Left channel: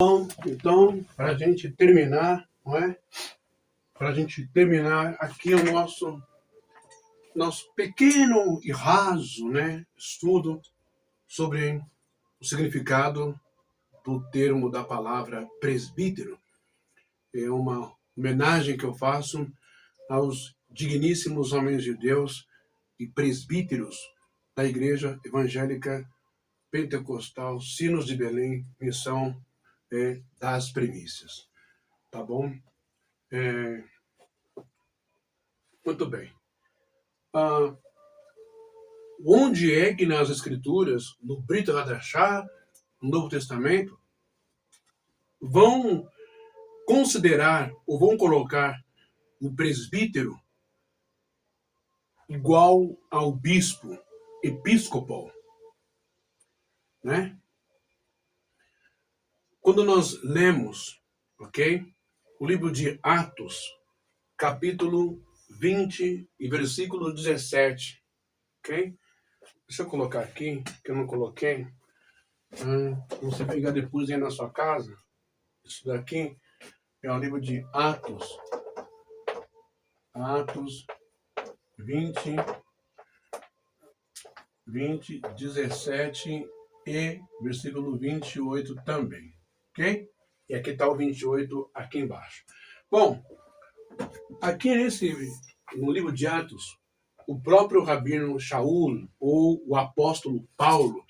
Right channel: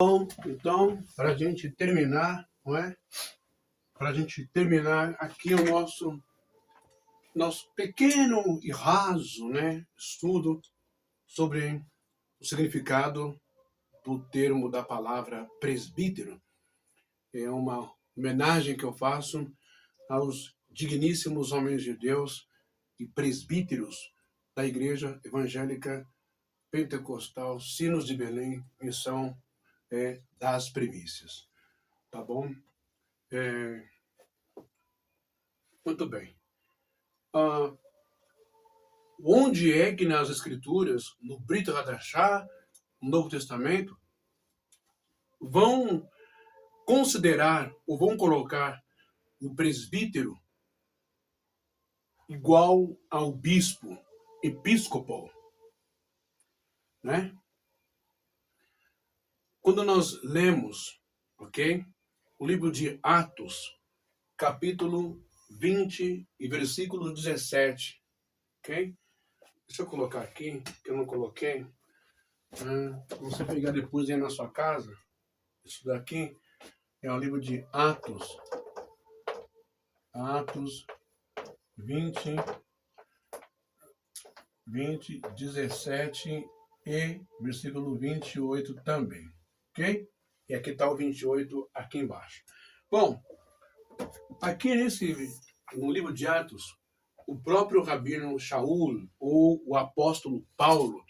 Então, para a gente terminar, não é? Para a gente terminar aqui o nosso pequeno e raso, né, estudo sobre o significado do termo da palavra presbítero. É uma homenagem que eu faço aos digníssimos homens de Deus e presbíteros da Igreja Evangélica Pentecostal Sinos de Belém, Missão das Primícias. Tá bom? Muito bem. Onde é que nas Escrituras, no Brit Hadashah, no Novo Testamento, vão considerar ou vão colocar o presbítero igual ao bispo, episcopal, né? Quando nós lemos, ok, o livro de Atos, capítulo 20 e versículo 17, ok? Deixa eu colocar aqui, que eu não coloquei. Você pegar depois aí na sua casa. Isso daqui é o livro de Atos. Atos 20, 17 e versículo 28 também. Ok? E aqui está o 28 aqui embaixo. Bom, aqui no livro de Atos, o próprio Rabino Shaul, ou o apóstolo Paulo,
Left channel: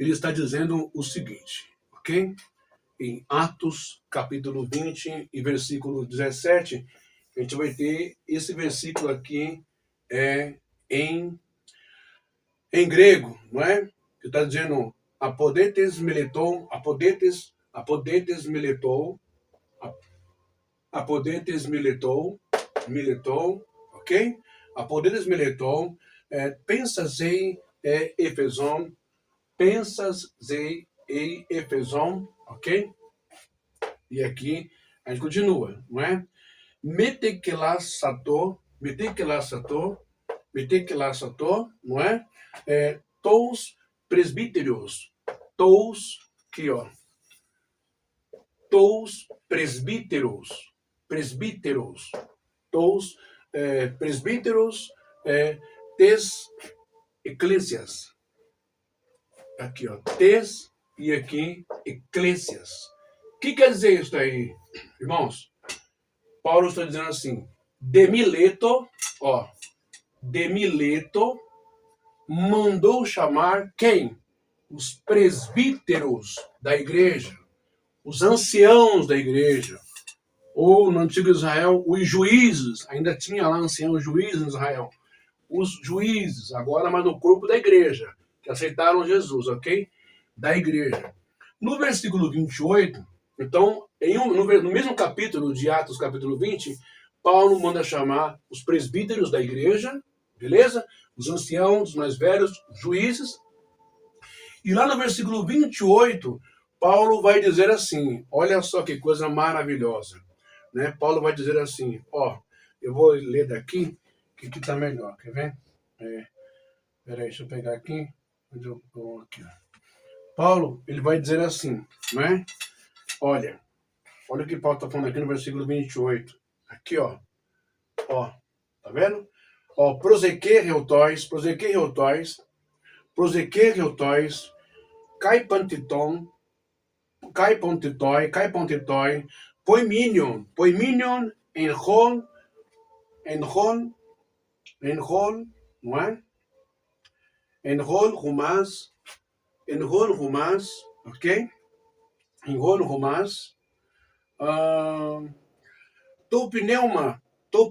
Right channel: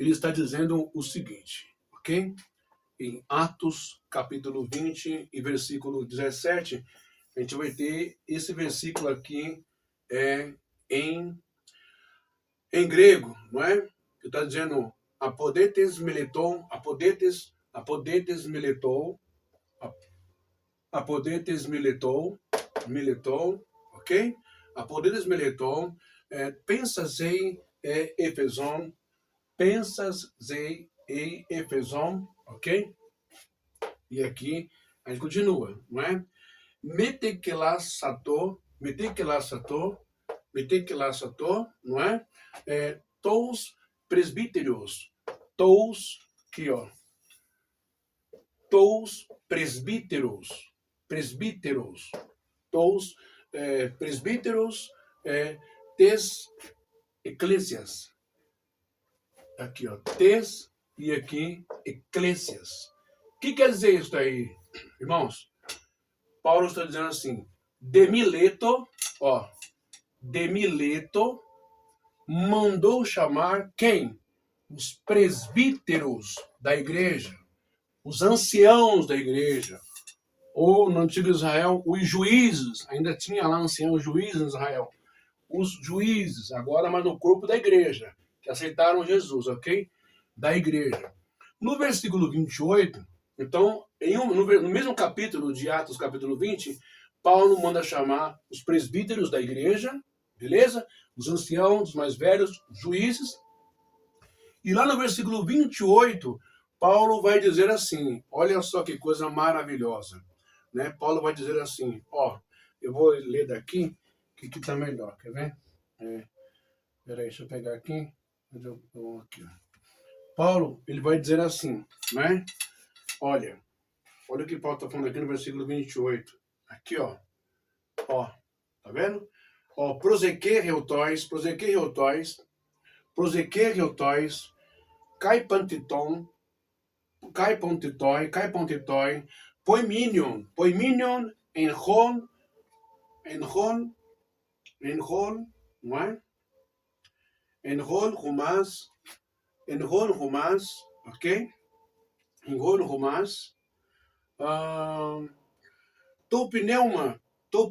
ele está dizendo o seguinte, ok? Em Atos, capítulo 20 e versículo 17, a gente vai ter esse versículo aqui em grego, não é? Que está dizendo apodetes militou, apodetes militou, ok? Apodetes militou, pensas em Efeson, ok? E aqui a gente continua, não é? Metekelasato, não é? Tous presbíteros, aqui ó, tous presbíteros, tous presbíteros, tes eclésias, aqui ó, tes e aqui eclésias. O que quer dizer isso aí, irmãos? Paulo está dizendo assim, de Mileto mandou chamar quem? Os presbíteros da igreja, os anciãos da igreja, ou no antigo Israel, os juízes, ainda tinha lá anciãos juízes em Israel, os juízes, agora mas no corpo da igreja, que aceitaram Jesus, ok? Da igreja. No versículo 28, então, no mesmo capítulo de Atos, capítulo 20, Paulo manda chamar os presbíteros da igreja, beleza? Os anciãos, os mais velhos, os juízes. E lá no versículo 28, Paulo vai dizer assim, olha só que coisa maravilhosa, né? Paulo vai dizer assim, eu vou ler daqui, que aqui está melhor, quer ver? Peraí, deixa eu pegar aqui. Aqui ó. Paulo, ele vai dizer assim, né? Olha o que Paulo está falando aqui no versículo 28. Aqui, ó, tá vendo? Prosequer reutóis, kai pantitoi, poiminion, enhol, não é? Enhol rumas, ok? Enhol rumas, to pneuma to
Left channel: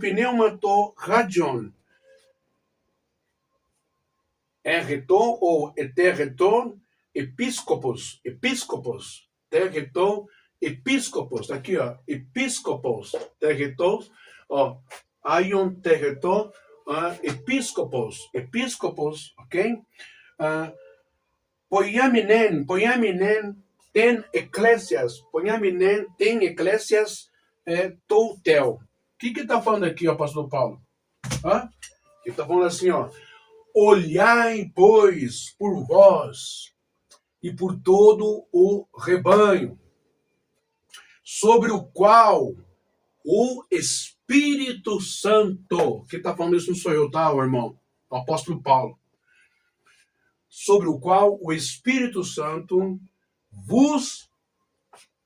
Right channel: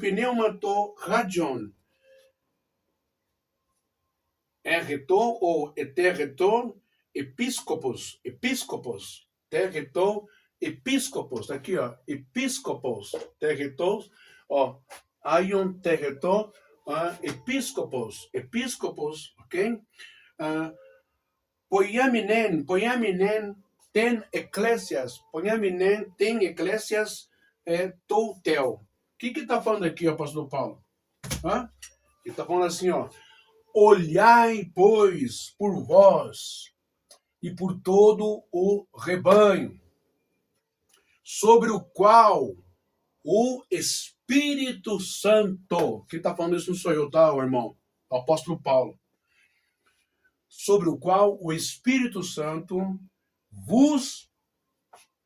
radion, erreton ou eterreton, episcopos, terreton, episcopos, aqui ó, episcopos, terretos, aion terreton, episcopos, ok? Poiaminen, tem eclésias, toutel. O que está falando aqui, apóstolo Paulo? Ele está falando assim, olhai, pois, por vós e por todo o rebanho. sobre o qual o Espírito Santo, quem está falando isso não sou eu, tá, irmão? O apóstolo Paulo. Sobre o qual o Espírito Santo vos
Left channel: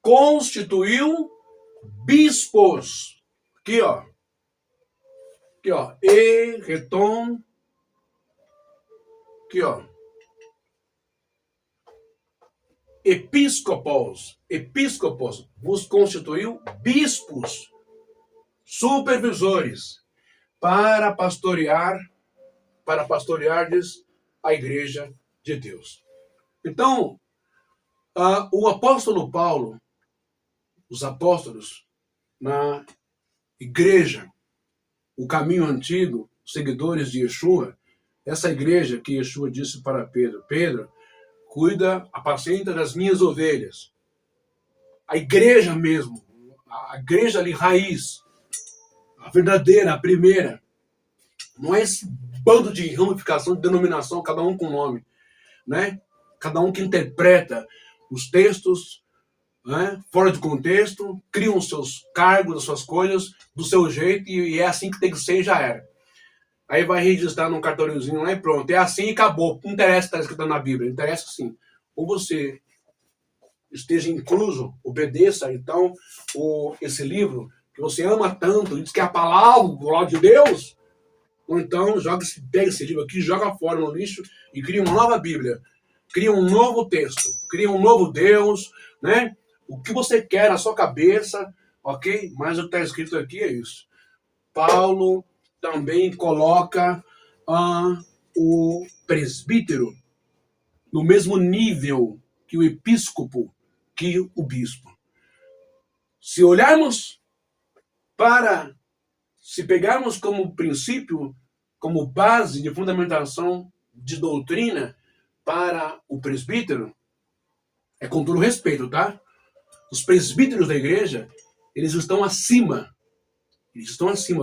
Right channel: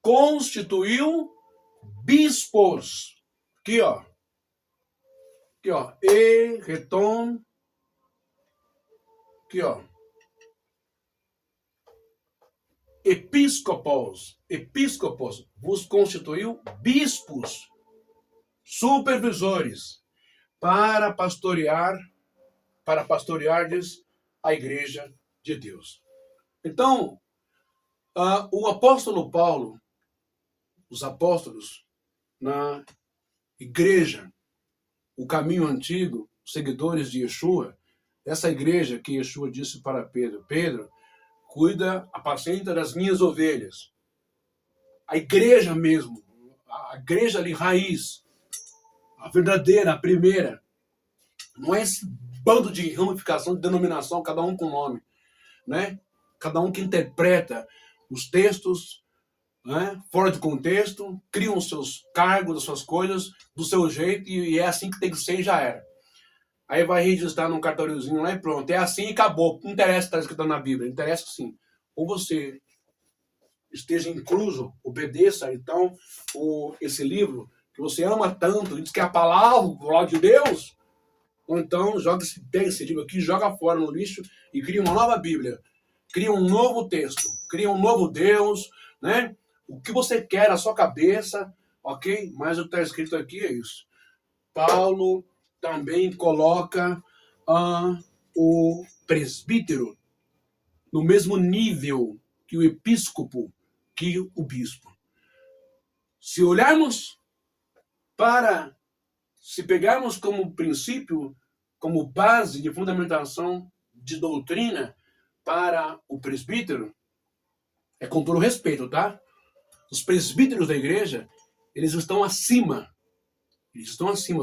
constituiu bispos. Aqui, ó. Aqui, ó. E, retom. Aqui, ó. Episcopos. Episcopos vos constituiu bispos, supervisores, para pastoreardes a igreja de Deus. Então, o apóstolo Paulo, os apóstolos na igreja, o caminho antigo, seguidores de Yeshua, essa igreja que Yeshua disse para Pedro, Pedro, cuida, apacenta das minhas ovelhas. A igreja mesmo, a igreja ali raiz, a verdadeira, a primeira, não é esse bando de ramificação, de denominação, cada um com nome, né? Cada um que interpreta os textos, né, fora de contexto, criam os seus cargos, as suas coisas, do seu jeito, e é assim que tem que ser e já era. Aí vai registrar num cartãozinho lá e pronto. É assim e acabou. Não interessa o que está escrito na Bíblia, interessa sim. Ou você esteja incluso, obedeça, então, esse livro que você ama tanto, diz que é a palavra de Deus, ou então pega esse livro aqui, joga fora no lixo e cria uma nova Bíblia. Cria um novo texto, cria um novo Deus, né? O que você quer na sua cabeça, ok? Mas o que está escrito aqui é isso. Paulo também coloca o presbítero no mesmo nível que o episcopo, que o bispo. Se olharmos se pegarmos como princípio, como base de fundamentação de doutrina para o presbítero, é com todo respeito, tá? Os presbíteros da igreja, eles estão acima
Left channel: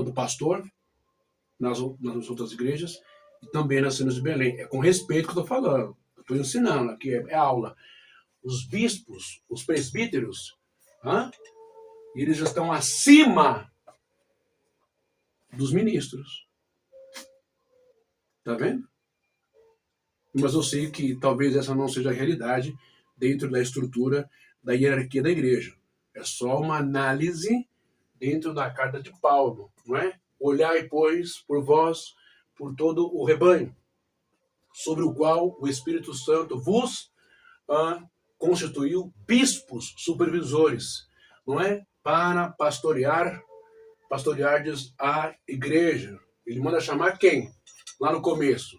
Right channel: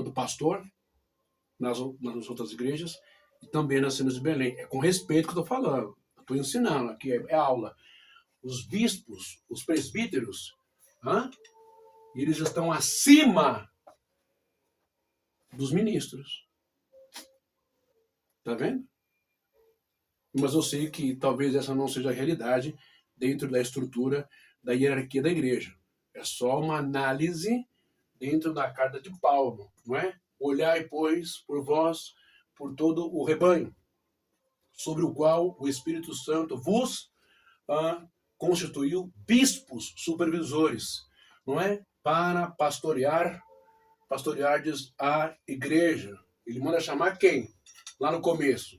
do pastor nas outras igrejas e também nas cenas de Belém. É com respeito que eu estou falando. Estou ensinando, aqui é aula. Os bispos, os presbíteros, eles estão acima dos ministros. Tá vendo? Mas eu sei que talvez essa não seja a realidade dentro da estrutura da hierarquia da igreja. É só uma análise dentro da carta de Paulo, não é? Olhai, pois, por vós, por todo o rebanho, sobre o qual o Espírito Santo vos constituiu bispos, supervisores, não é? Para pastoreardes a igreja. Ele manda chamar quem? Lá no começo,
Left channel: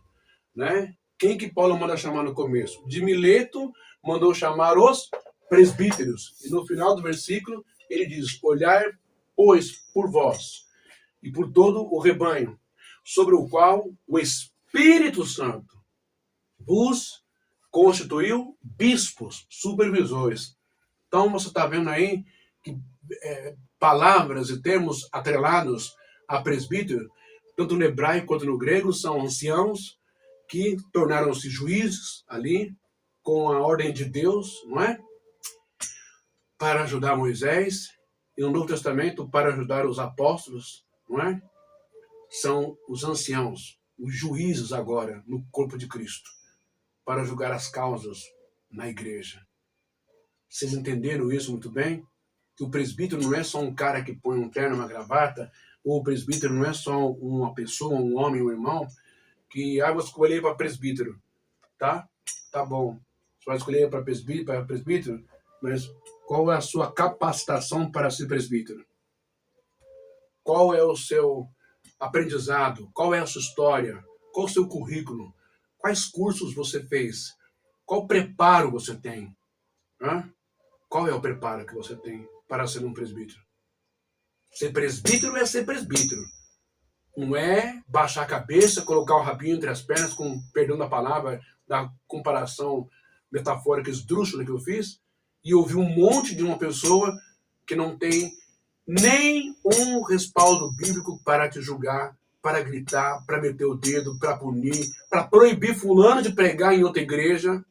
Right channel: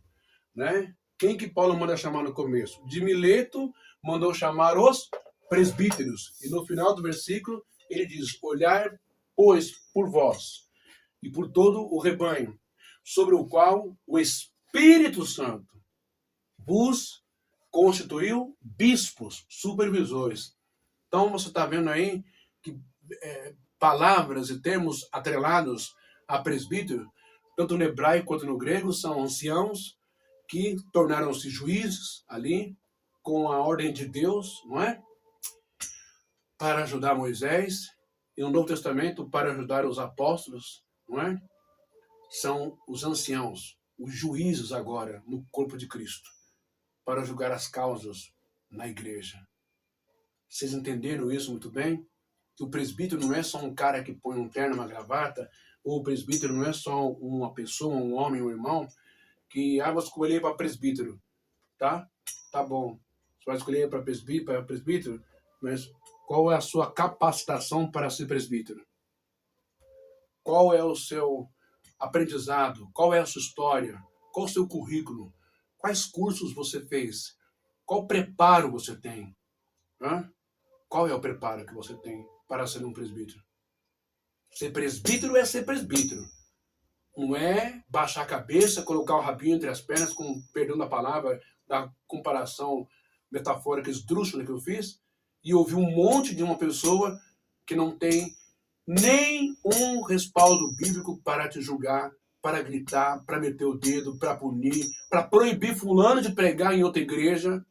né? Quem que Paulo manda chamar no começo? De Mileto mandou chamar os presbíteros. E no final do versículo ele diz: olhai, pois, por vós e por todo o rebanho, sobre o qual o Espírito Santo vos constituiu bispos, supervisores. Então você está vendo aí que palavras e termos atrelados a presbítero, tanto no hebraico quanto no grego, são anciãos que tornaram-se juízes ali, com a ordem de Deus, não é? Para ajudar Moisés, e no Novo Testamento, para ajudar os apóstolos, não é? São os anciãos, os juízes agora, no corpo de Cristo, para julgar as causas na igreja. Vocês entenderam isso muito bem? Que o presbítero não é só um cara que põe um terno, uma gravata, ou o presbítero não é só uma pessoa, um homem, um irmão, que vou escolher para presbítero, tá? Tá bom. Você vai escolher para presbítero, mas qual é a sua capacitação para ser presbítero? Qual é o seu aprendizado? Qual é a sua história? Qual o seu currículo? Quais cursos você fez? Qual preparo você tem? Qual é o preparo que você tem para ser um presbítero? Ser presbítero é ser presbítero. Não é baixar a cabeça, colocar o rabinho entre as pernas, com perdão da palavra, da comparação metafórica esdrúxula que eu fiz, e ouvir um monte de uma pessoa que não tem nem um respaldo bíblico para te julgar, para gritar, para meter o dedo, para punir, para proibir fulano de pregar em outra igreja.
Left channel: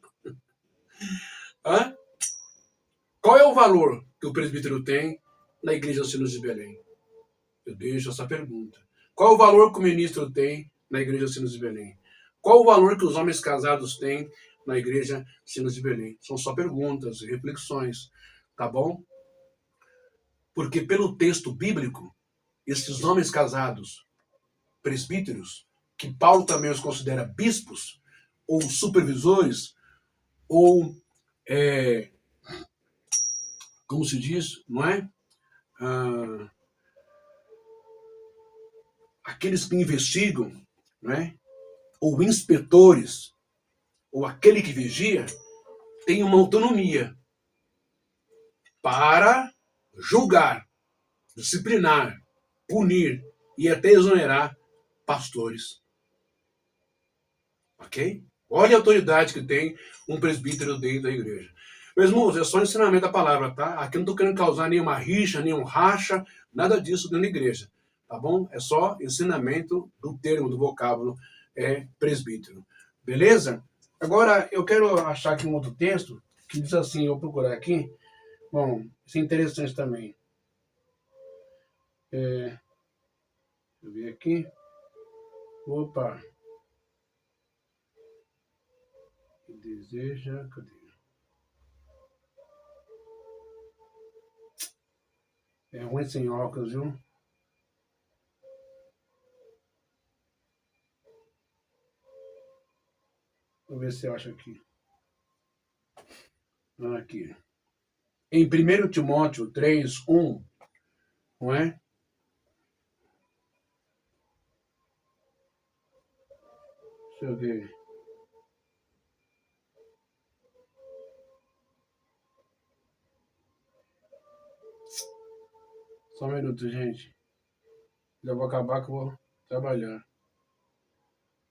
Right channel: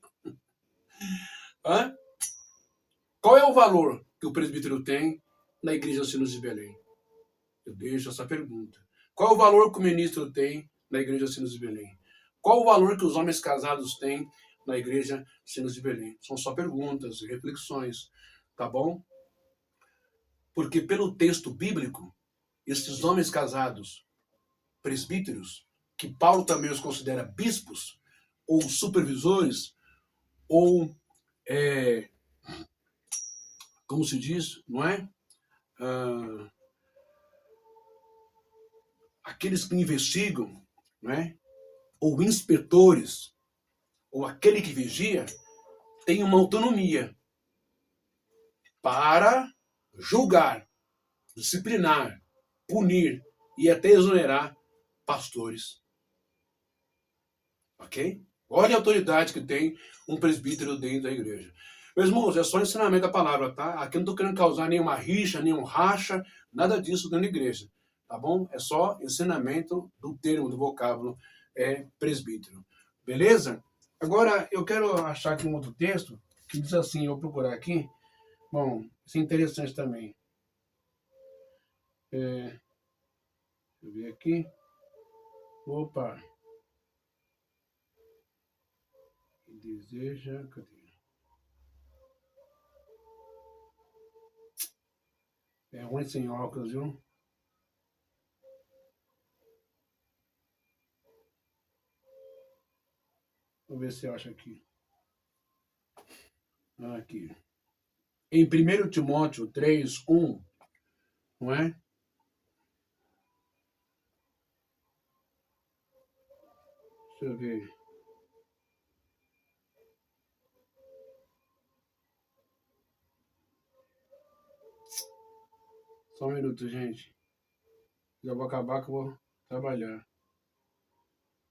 Qual é o valor que o presbítero tem na Igreja Sinos de Belém? Eu deixo essa pergunta. Qual o valor que o ministro tem na Igreja Sinos de Belém? Qual o valor que os homens casados têm na Igreja Sinos de Belém? São só perguntas, reflexões, tá bom? Porque pelo texto bíblico, esses homens casados, presbíteros, que Paulo também os considera bispos, ou supervisores, ou, como se diz, não é? Aqueles que investigam, não é? Ou inspetores, ou aquele que vigia, tem uma autonomia para julgar, disciplinar, punir e até exonerar pastores. Ok? Olha a autoridade que tem um presbítero dentro da igreja. Meus irmãos, é só ensinamento da palavra, tá? Aqui eu não estou querendo causar nenhuma rixa, nenhum racha, nada disso dentro da igreja, tá bom? É só ensinamento do termo, do vocábulo presbítero. Beleza? Agora, eu quero achar aqui um outro texto que diz assim, eu vou procurar aqui. Bom, isso é interessante também. Deixa eu ver aqui. Opa! Deseja... Cadê? É ruim sem óculos, viu? Vou ver se eu acho aqui. Aqui. Em 1 Timóteo 3:1, não é? Deixa eu ver. Só um minuto, gente. Já vou acabar que eu vou trabalhar.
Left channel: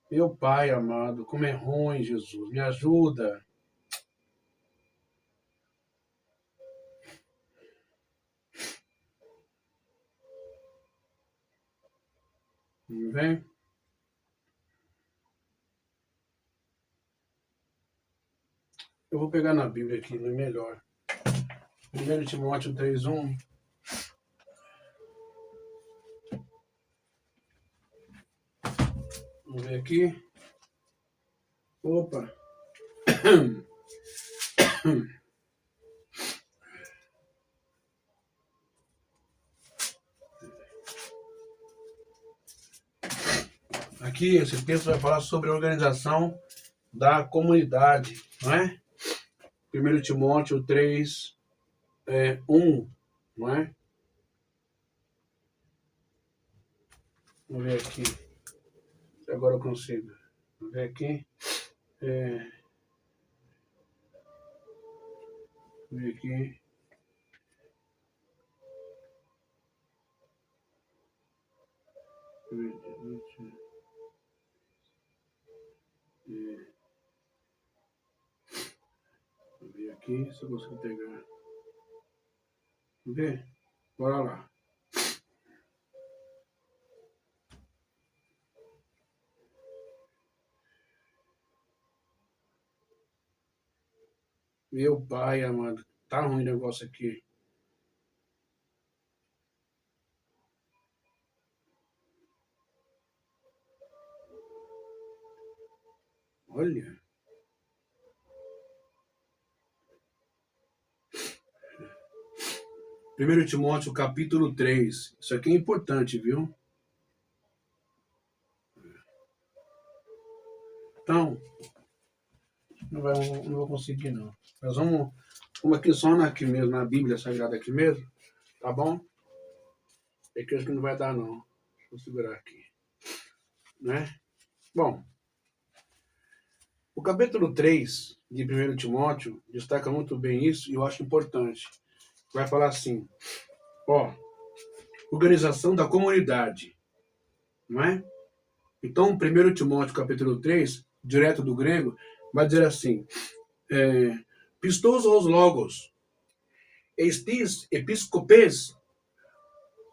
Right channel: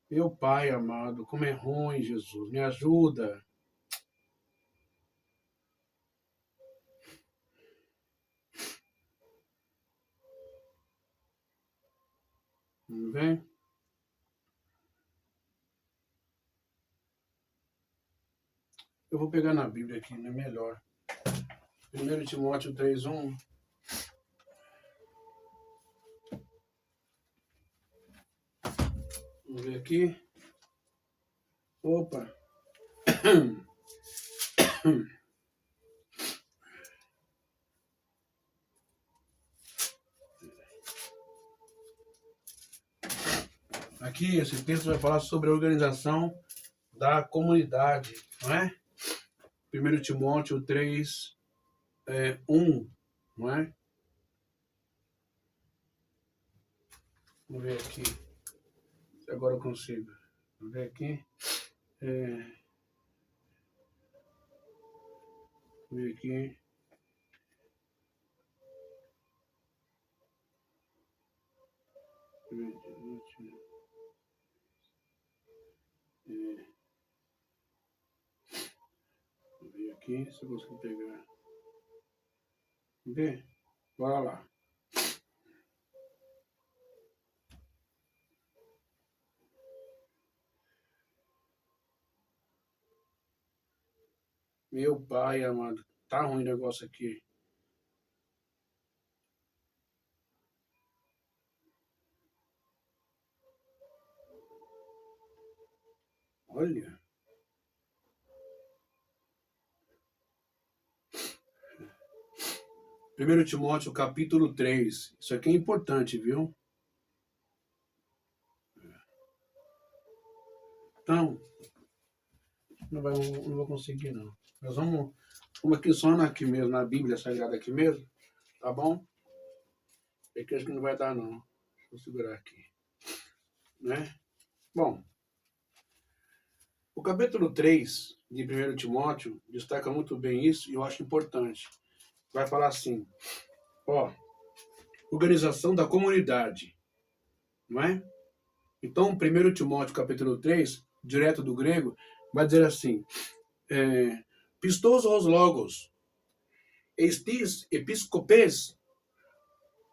Meu Pai amado, como é ruim, Jesus. Me ajuda. Não vem? Eu vou pegar na Bíblia aqui, é melhor. 1 Timóteo 3:1. Vamos ver aqui. Opa. Aqui, esse texto vai falar sobre a organização da comunidade, não é? 1 Timóteo 3:1, não é? Vamos ver aqui. Se agora eu consigo. Vamos ver aqui. Vamos ver aqui. Vamos ver aqui se eu consigo pegar. Vamos ver? Bora lá. Meu Pai amado, tá ruim o negócio aqui. Olha. Primeiro Timóteo, capítulo 3. Isso aqui é importante, viu? Então, não vou conseguir, não. Nós vamos aqui só aqui mesmo, na Bíblia Sagrada aqui mesmo, tá bom? É que eu acho que não vai dar, não. Deixa eu segurar aqui. Né? Bom, o capítulo 3 de 1 Timóteo destaca muito bem isso e eu acho importante. Vai falar assim, ó, organização da comunidade, não é? Então, 1 Timóteo capítulo 3, direto do grego, vai dizer assim, pistos os logos, estis episcopes,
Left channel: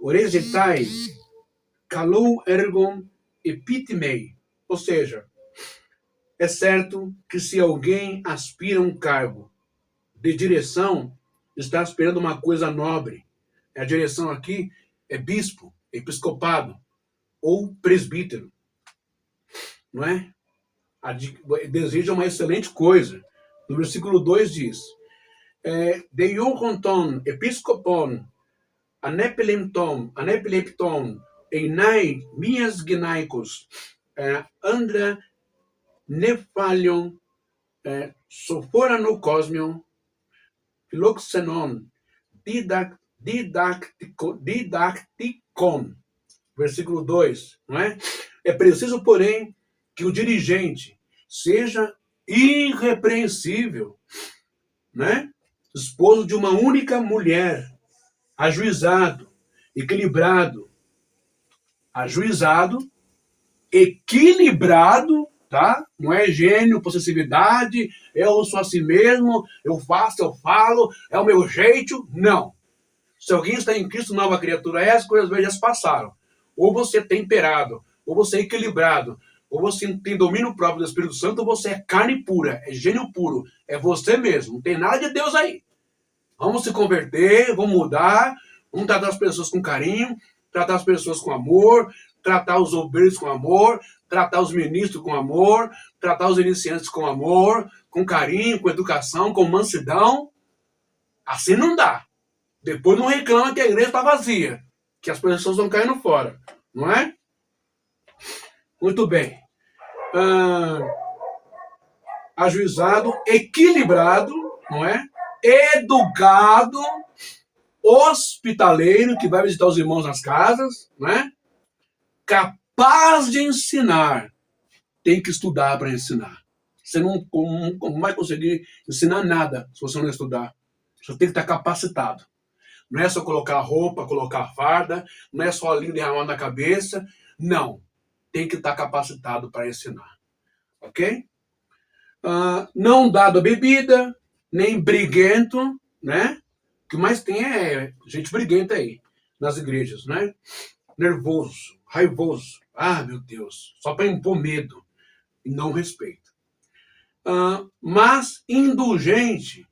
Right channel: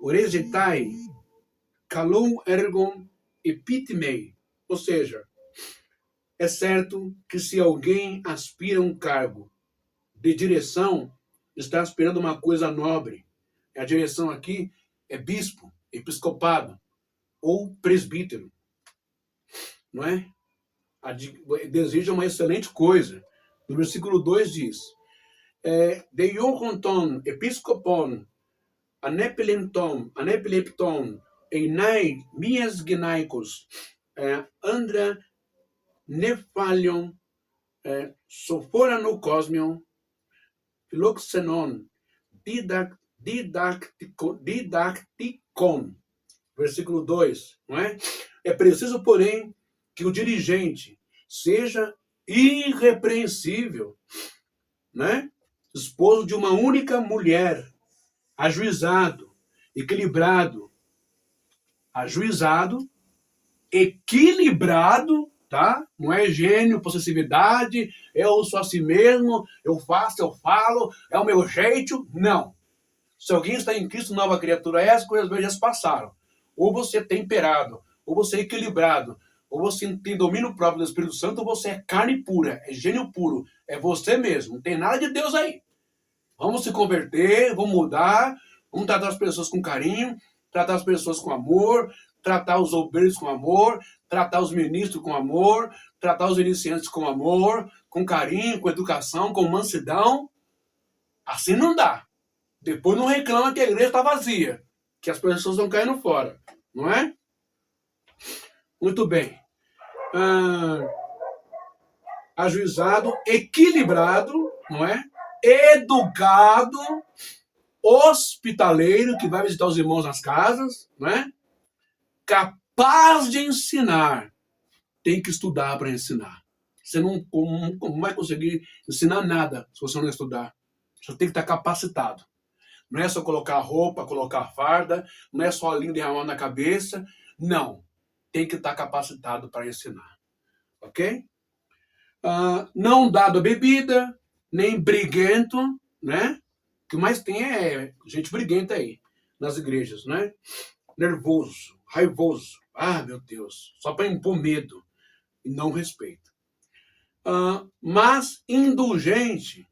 oregetai, kalou ergon epitimei. Ou seja, é certo que se alguém aspira a um cargo de direção, está esperando uma coisa nobre. A direção aqui é bispo, episcopado ou presbítero, não é? Deseja uma excelente coisa. No versículo 2 diz, Deiorronton, episcopon, anepilepton, einai, mias gnaikos, andra, nefalion, sophorano cosmion, philoxenon, didacticon. Versículo 2, não é? É preciso, porém, que o dirigente seja irrepreensível, né? Esposo de uma única mulher, ajuizado, equilibrado, equilibrado, tá? Não é gênio, possessividade, eu sou assim mesmo, eu faço, eu falo, é o meu jeito. Não. Se alguém está em Cristo, nova criatura, as coisas velhas passaram. Ou você é temperado, ou você é equilibrado, ou você tem domínio próprio do Espírito Santo, ou você é carne pura, é gênio puro, é você mesmo, não tem nada de Deus aí. Vamos se converter, vamos mudar, vamos tratar as pessoas com carinho, tratar as pessoas com amor, tratar os obreiros com amor, tratar os ministros com amor, tratar os iniciantes com amor, com carinho, com educação, com mansidão. Assim não dá. Depois não reclama que a igreja está vazia, que as pessoas estão caindo fora, não é? Muito bem. Ajuizado, equilibrado, não é? Educado, hospitaleiro, que vai visitar os irmãos nas casas, não é? Capaz de ensinar. Tem que estudar para ensinar. Você não vai conseguir ensinar nada se você não estudar. Você tem que estar capacitado. Não é só colocar roupa, colocar farda, não é só linho derramado na cabeça. Não. Tem que estar capacitado para ensinar. Ok? Não dado a bebida, nem briguento, né? O que mais tem é gente briguenta aí, nas igrejas, né? Nervoso, raivoso. Ah, meu Deus. Só para impor medo e não respeito. Mas indulgente,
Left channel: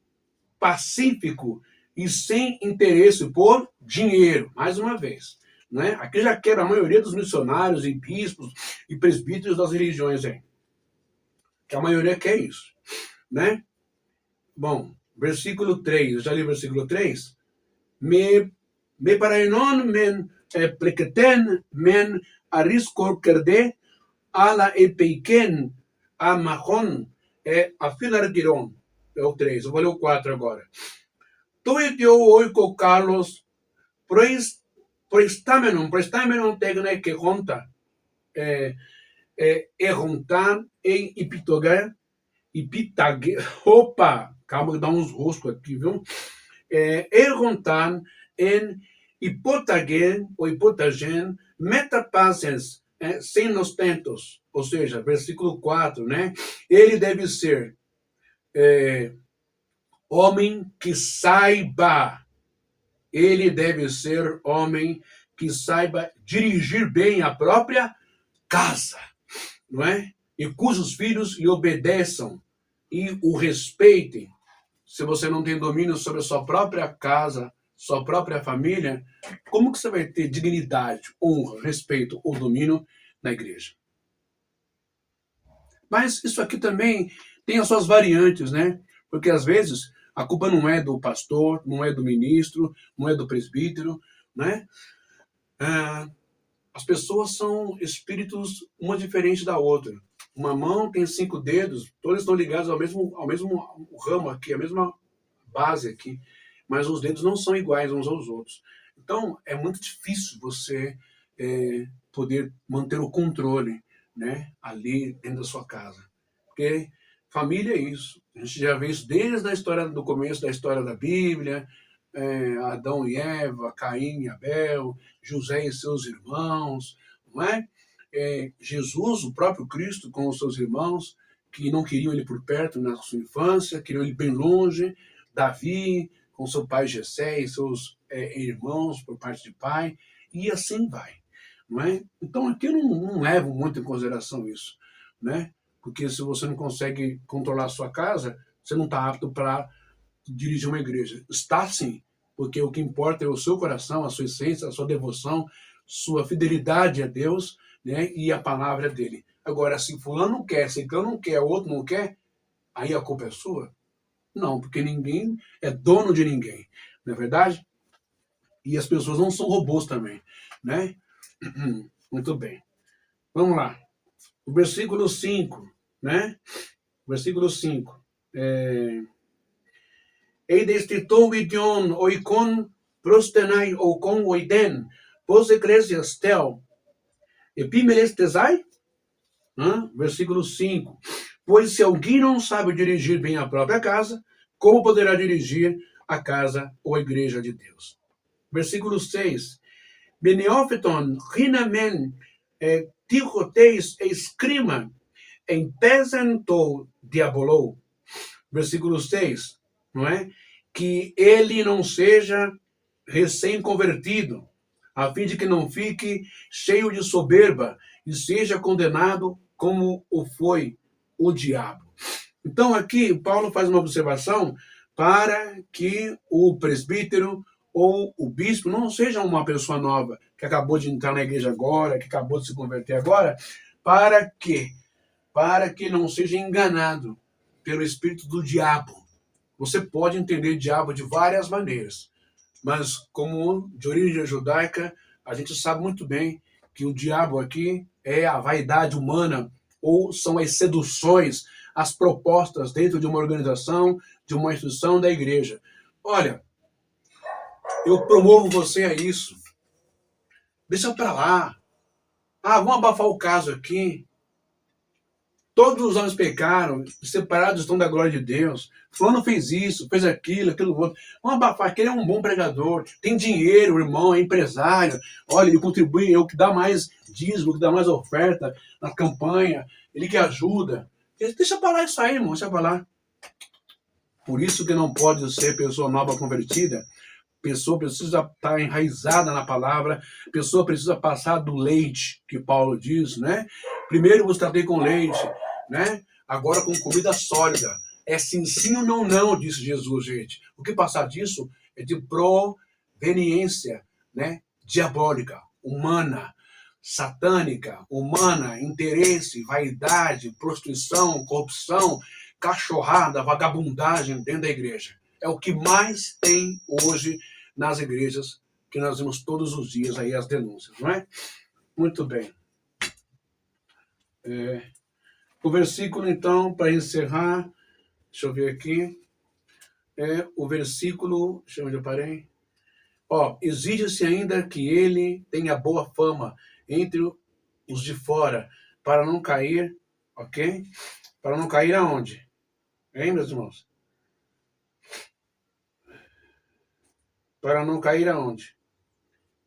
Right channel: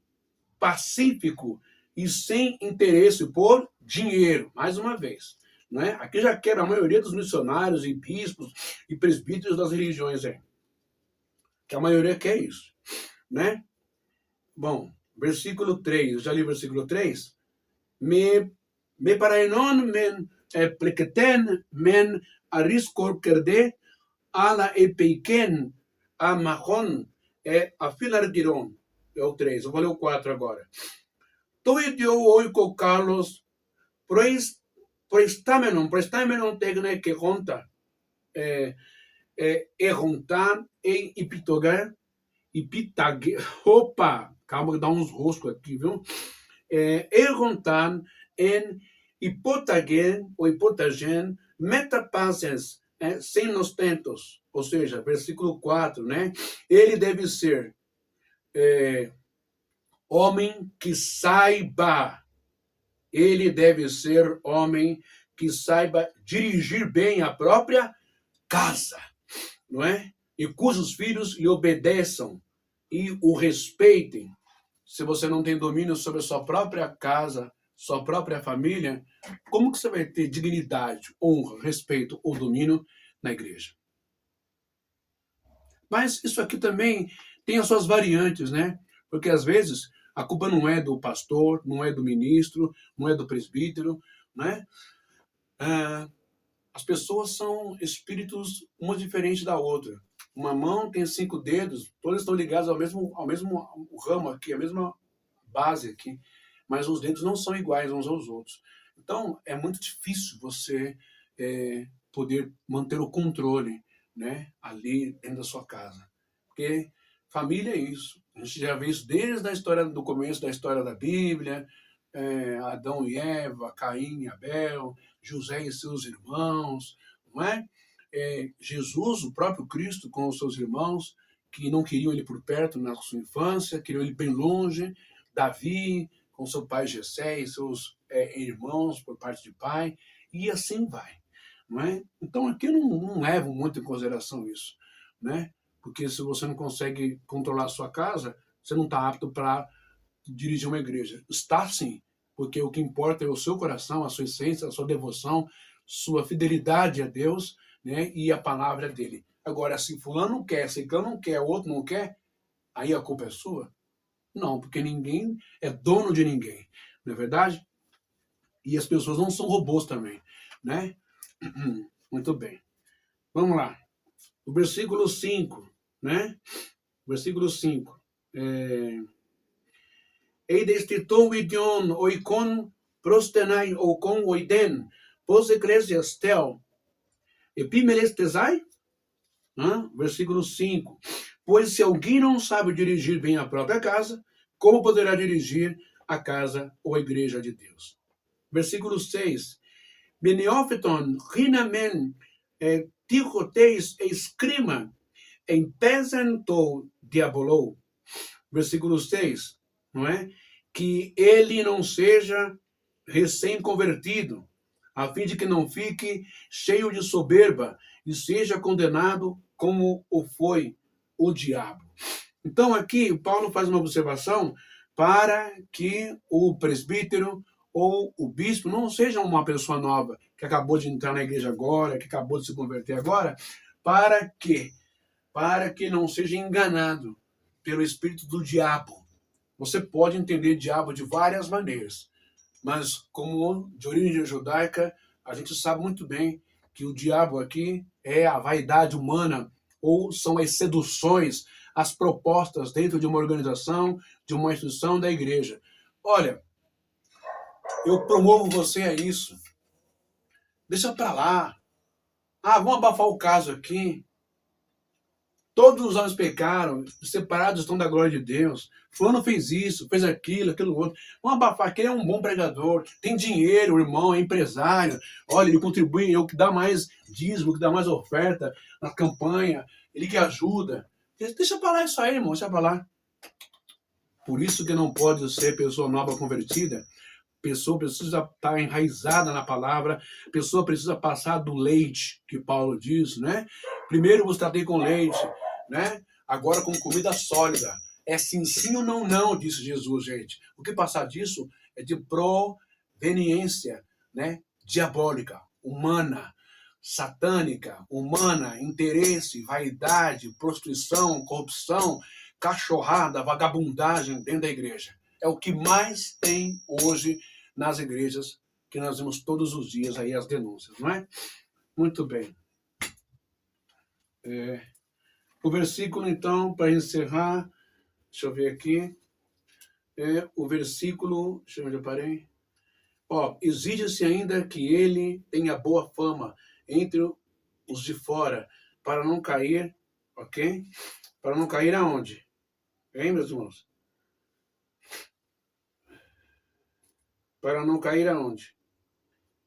pacífico e sem interesse por dinheiro, mais uma vez. Né? Aqui já quero a maioria dos missionários e bispos e presbíteros das religiões aí. Que a maioria quer isso. Né? Bom, versículo 3, eu já li o versículo 3. Me paraenon men pleketen men ariskor kerde ala epeiken a mahon a filartiron. É o 3, eu vou ler o 4 agora. Toitio oiko Carlos proestamenon tegne que conta errontar em ipitogar Ipitage, opa, calma que dá uns roscos aqui, viu? Errontan en hipotagen ou hipotagen metapasens, sem ostentos. Ou seja, versículo 4, né? Ele deve ser homem que saiba. Ele deve ser homem que saiba dirigir bem a própria casa, não é? E cujos filhos lhe obedeçam e o respeitem. Se você não tem domínio sobre a sua própria casa, sua própria família, como que você vai ter dignidade, honra, respeito ou domínio na igreja? Mas isso aqui também tem as suas variantes, né? Porque às vezes a culpa não é do pastor, não é do ministro, não é do presbítero, né? As pessoas são espíritos uma diferente da outra. Uma mão tem 5 dedos, todos estão ligados ao mesmo ramo aqui, a mesma base aqui, mas os dedos não são iguais uns aos outros. Então, é muito difícil você poder manter o controle, né, ali dentro da sua casa. Porque família é isso. A gente já vê isso desde a história do começo da história da Bíblia, Adão e Eva, Caim e Abel, José e seus irmãos, não é? Jesus, o próprio Cristo, com os seus irmãos, que não queriam ele por perto na sua infância, queriam ele bem longe. Davi, com seu pai Jessé e seus irmãos por parte de pai, e assim vai. Não é? Então aqui eu não levo muito em consideração isso, né? Porque se você não consegue controlar a sua casa, você não está apto para dirigir uma igreja? Está sim, porque o que importa é o seu coração, a sua essência, a sua devoção, sua fidelidade a Deus, né, e a palavra dele. Agora, se fulano não quer, se ciclano não quer, o outro não quer, aí a culpa é sua? Não, porque ninguém é dono de ninguém, não é verdade? E as pessoas não são robôs também, né? Muito bem. Vamos lá. O versículo 5, né? Versículo 5. Eides titon idion oikon prostenai okon oiden, pos eclesias tel, epimelestesai? Versículo 5. Pois se alguém não sabe dirigir bem a própria casa, como poderá dirigir a casa ou a igreja de Deus? Versículo 6. Beneófiton rinamen tiroteis escrima em pesento diabolou. Versículo 6, não é? Que ele não seja recém-convertido, a fim de que não fique cheio de soberba e seja condenado como o foi o diabo. Então aqui Paulo faz uma observação para que o presbítero ou o bispo não seja uma pessoa nova, que acabou de entrar na igreja agora, que acabou de se converter agora, para quê? Para que não seja enganado pelo espírito do diabo. Você pode entender diabo de várias maneiras, mas como de origem judaica, a gente sabe muito bem que o diabo aqui é a vaidade humana, ou são as seduções, as propostas dentro de uma organização, de uma instituição da igreja. Olha, eu promovo você a isso. Deixa para lá. Vamos abafar o caso aqui. Todos os homens pecaram, separados estão da glória de Deus. Fulano fez isso, fez aquilo, aquilo outro. Vamos abafar, que ele é um bom pregador, tem dinheiro, o irmão, é empresário. Olha, ele contribui, é o que dá mais dízimo, o que dá mais oferta na campanha, ele que ajuda. Deixa para lá isso aí, irmão, deixa para lá. Por isso que não pode ser pessoa nova convertida. Pessoa precisa estar enraizada na palavra, pessoa precisa passar do leite, que Paulo diz, né? Primeiro vos tratei com leite, né? Agora com comida sólida. É sim, sim ou não, não, disse Jesus, gente. O que passar disso é de proveniência, né? Diabólica, humana, satânica, humana, interesse, vaidade, prostituição, corrupção, cachorrada, vagabundagem dentro da igreja. É o que mais tem hoje nas igrejas, que nós vemos todos os dias aí as denúncias, não é? Muito bem. O versículo, então, para encerrar, deixa eu ver aqui, o versículo, deixa eu ver onde eu parei. Exige-se ainda que ele tenha boa fama entre os de fora, para não cair, ok? Para não cair aonde? Hein, meus irmãos? Para não cair aonde?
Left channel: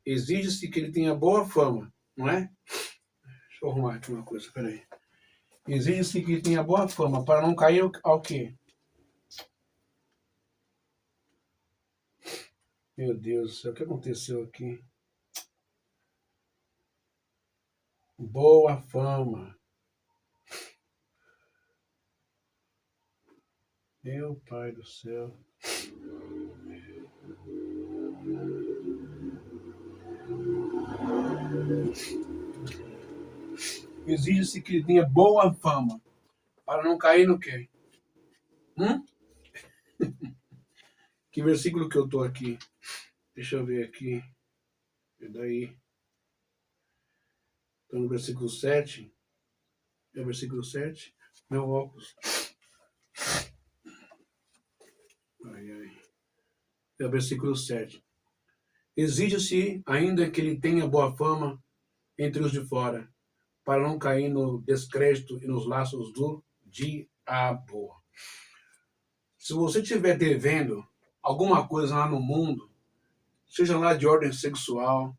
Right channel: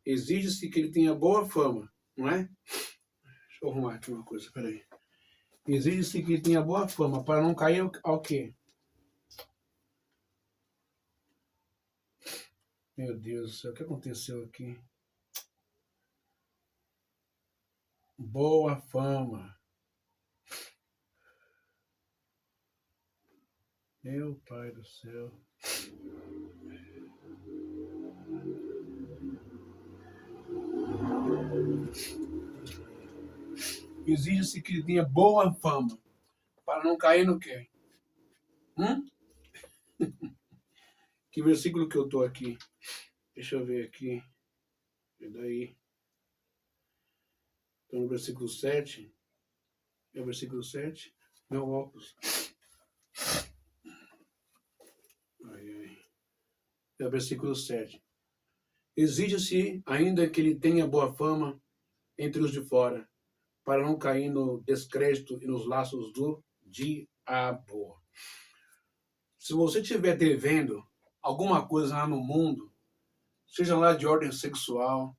Exige-se que ele tenha boa fama, não é? Deixa eu arrumar aqui uma coisa, peraí. Exige-se que ele tenha boa fama, para não cair ao quê? Meu Deus do céu, o que aconteceu aqui? Boa fama. Meu Pai do céu. Exige-se que ele tenha boa fama, para não cair no quê? Que versículo que eu estou aqui? Deixa eu ver aqui. E daí? Estou no versículo 7. É o versículo 7? Meu óculos. É o versículo 7. Exige-se ainda que ele tenha boa fama entre os de fora, para não cair no descrédito e nos laços do diabo. Se você estiver devendo alguma coisa lá no mundo, seja lá de ordem sexual,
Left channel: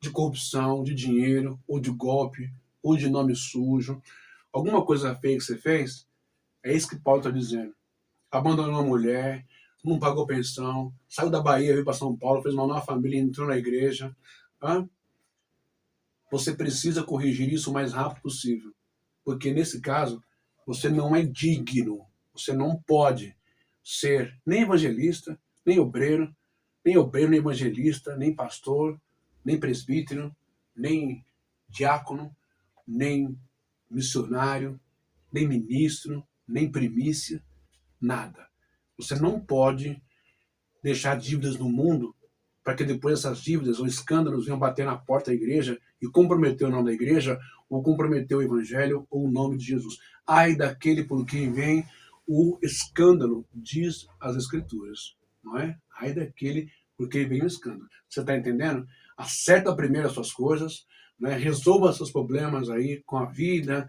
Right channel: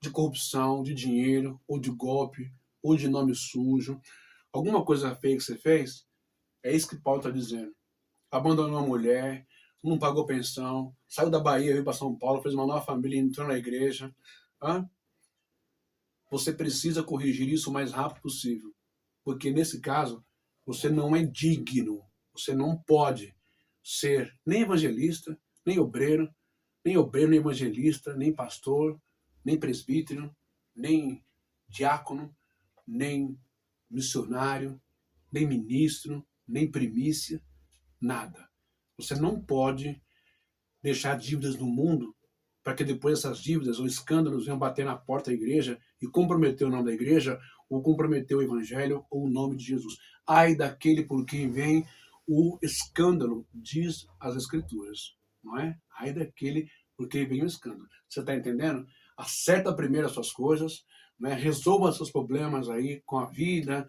de corrupção, de dinheiro, ou de golpe, ou de nome sujo, alguma coisa feia que você fez, é isso que Paulo está dizendo. Abandonou a mulher, não pagou pensão, saiu da Bahia, veio para São Paulo, fez uma nova família, entrou na igreja. Você precisa corrigir isso o mais rápido possível. Porque nesse caso, você não é digno, você não pode, ser nem evangelista, nem obreiro, nem evangelista, nem pastor, nem presbítero, nem diácono, nem missionário, nem ministro, nem primícia, nada. Você não pode deixar dívidas no mundo para que depois essas dívidas ou escândalos venham bater na porta da igreja e comprometer o nome da igreja ou comprometer o evangelho ou o nome de Jesus. Ai daquele por quem vem o escândalo, diz as escrituras, não é? Ai daquele por quem vem o escândalo. Você está entendendo? Acerta primeiro as suas coisas, não é? Resolva seus problemas aí com a vida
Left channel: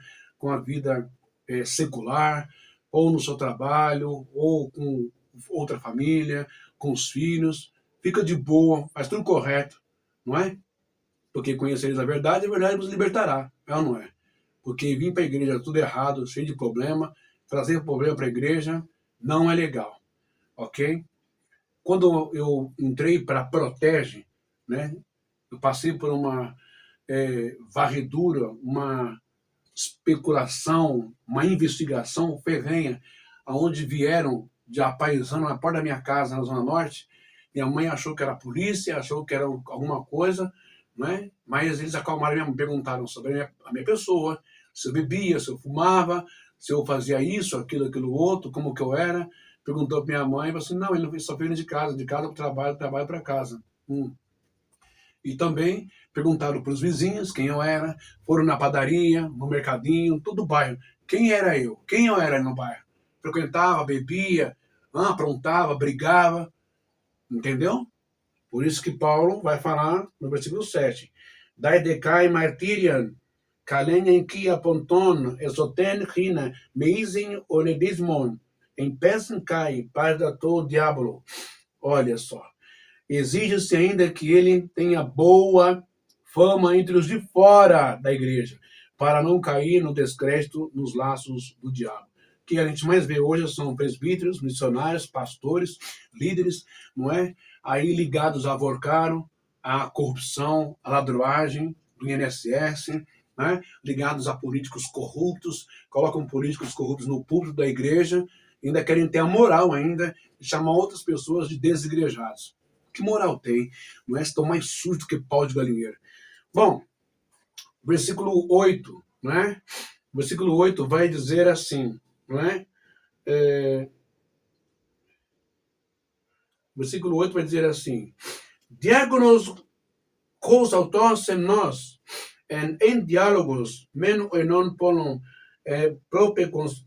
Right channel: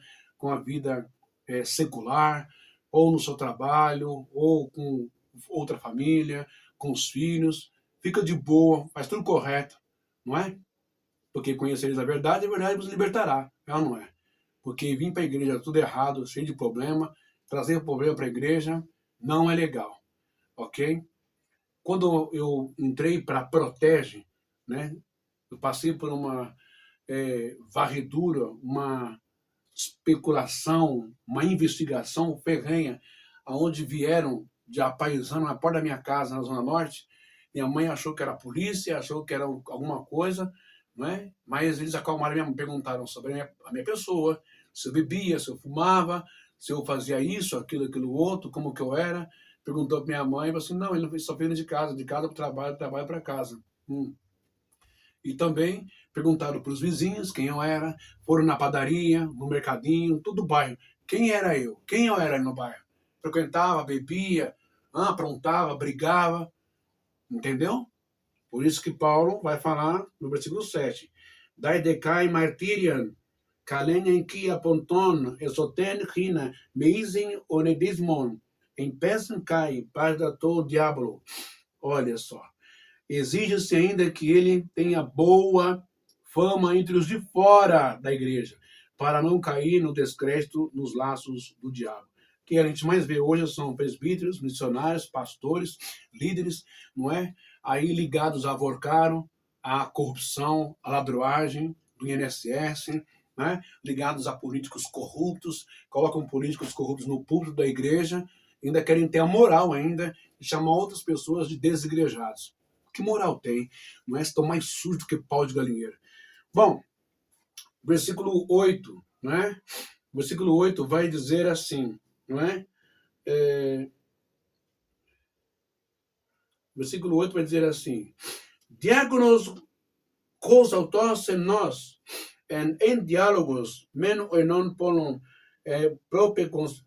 secular, ou no seu trabalho, ou com outra família, com os filhos. Fica de boa, faz tudo correto, não é? Porque conhecereis a verdade vos libertará, é ou não é? Porque vir para a igreja tudo errado, cheio de problema, trazer problema para a igreja não é legal, ok? Quando eu entrei para a Protege, né, eu passei por uma varredura, uma especulação, uma investigação ferrenha, aonde vieram de apaisando na porta da minha casa, na Zona Norte. Minha mãe achou que era a polícia, achou que era alguma coisa, né? Mas eles acalmaram, me perguntaram sobre a minha pessoa, se eu bebia, se eu fumava, se eu fazia isso, aquilo outro, como que eu era. Perguntou para minha mãe, e falou assim, não, ele só veio de casa para o trabalho, trabalho para casa. E também perguntaram para os vizinhos quem eu era, foram na padaria, no mercadinho, todo o bairro. Quem era eu? Quem eu era no bairro? Frequentava, bebia, aprontava, brigava, entendeu? Por isso que Paulo vai falar no versículo 7. Dai decai martirian, kalenia kia ponton, esoten hina, meizin onedismon, em pesan kai, pardato diablo. Olha só. Exige-se ainda que ele tenha boa fama entre os de fora da igreja, para não cair no descrédito, nos laços do diabo. O que a gente mais vê hoje são presbíteros, missionários, pastores, líderes, não é? Aí ligados a avorcaro, à corrupção, à ladroagem do INSS, né? Ligados a políticos corruptos, colocam políticos corruptos no púlpito da igreja, ainda querem ter a moral ainda de chamar outras pessoas de desigrejados. Que moral tem? Não é? Estão mais sujos do que pau de galinheiro. Bom, versículo 8, não é? Versículo 8 vai dizer assim, não é? Versículo 8 vai dizer assim, diáconos cos autós en nós, en diálogos, men e non polon propecontas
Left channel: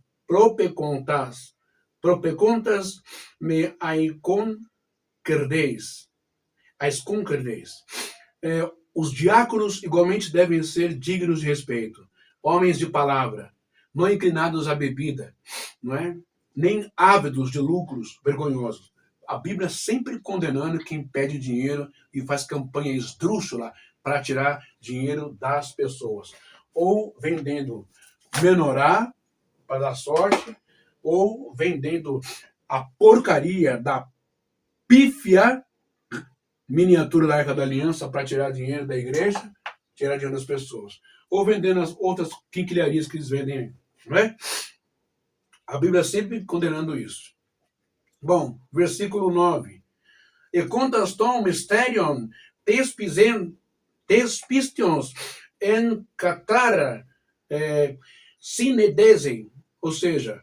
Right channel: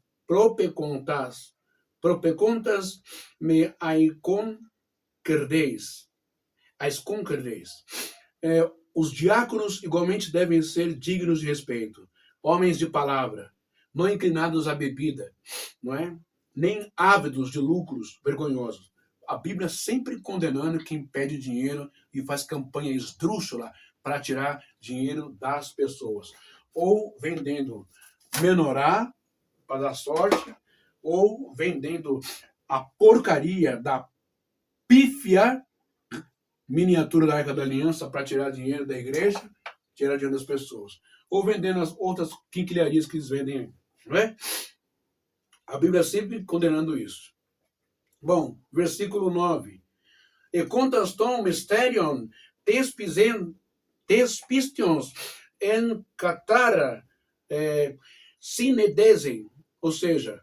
me aicon querdeis. Os diáconos igualmente devem ser dignos de respeito, homens de palavra, não inclinados à bebida, não é? Nem ávidos de lucros vergonhosos. A Bíblia sempre condenando quem pede dinheiro e faz campanha esdrúxula para tirar dinheiro das pessoas. Ou vendendo menorá para dar sorte, ou vendendo a porcaria da pífia miniatura da Arca da Aliança para tirar dinheiro da igreja, tirar dinheiro das pessoas. Ou vendendo as outras quinquilharias que eles vendem, não é? A Bíblia sempre condenando isso. Bom, versículo 9. E contas tom mysterion tespistions en catara sinedesem, ou seja,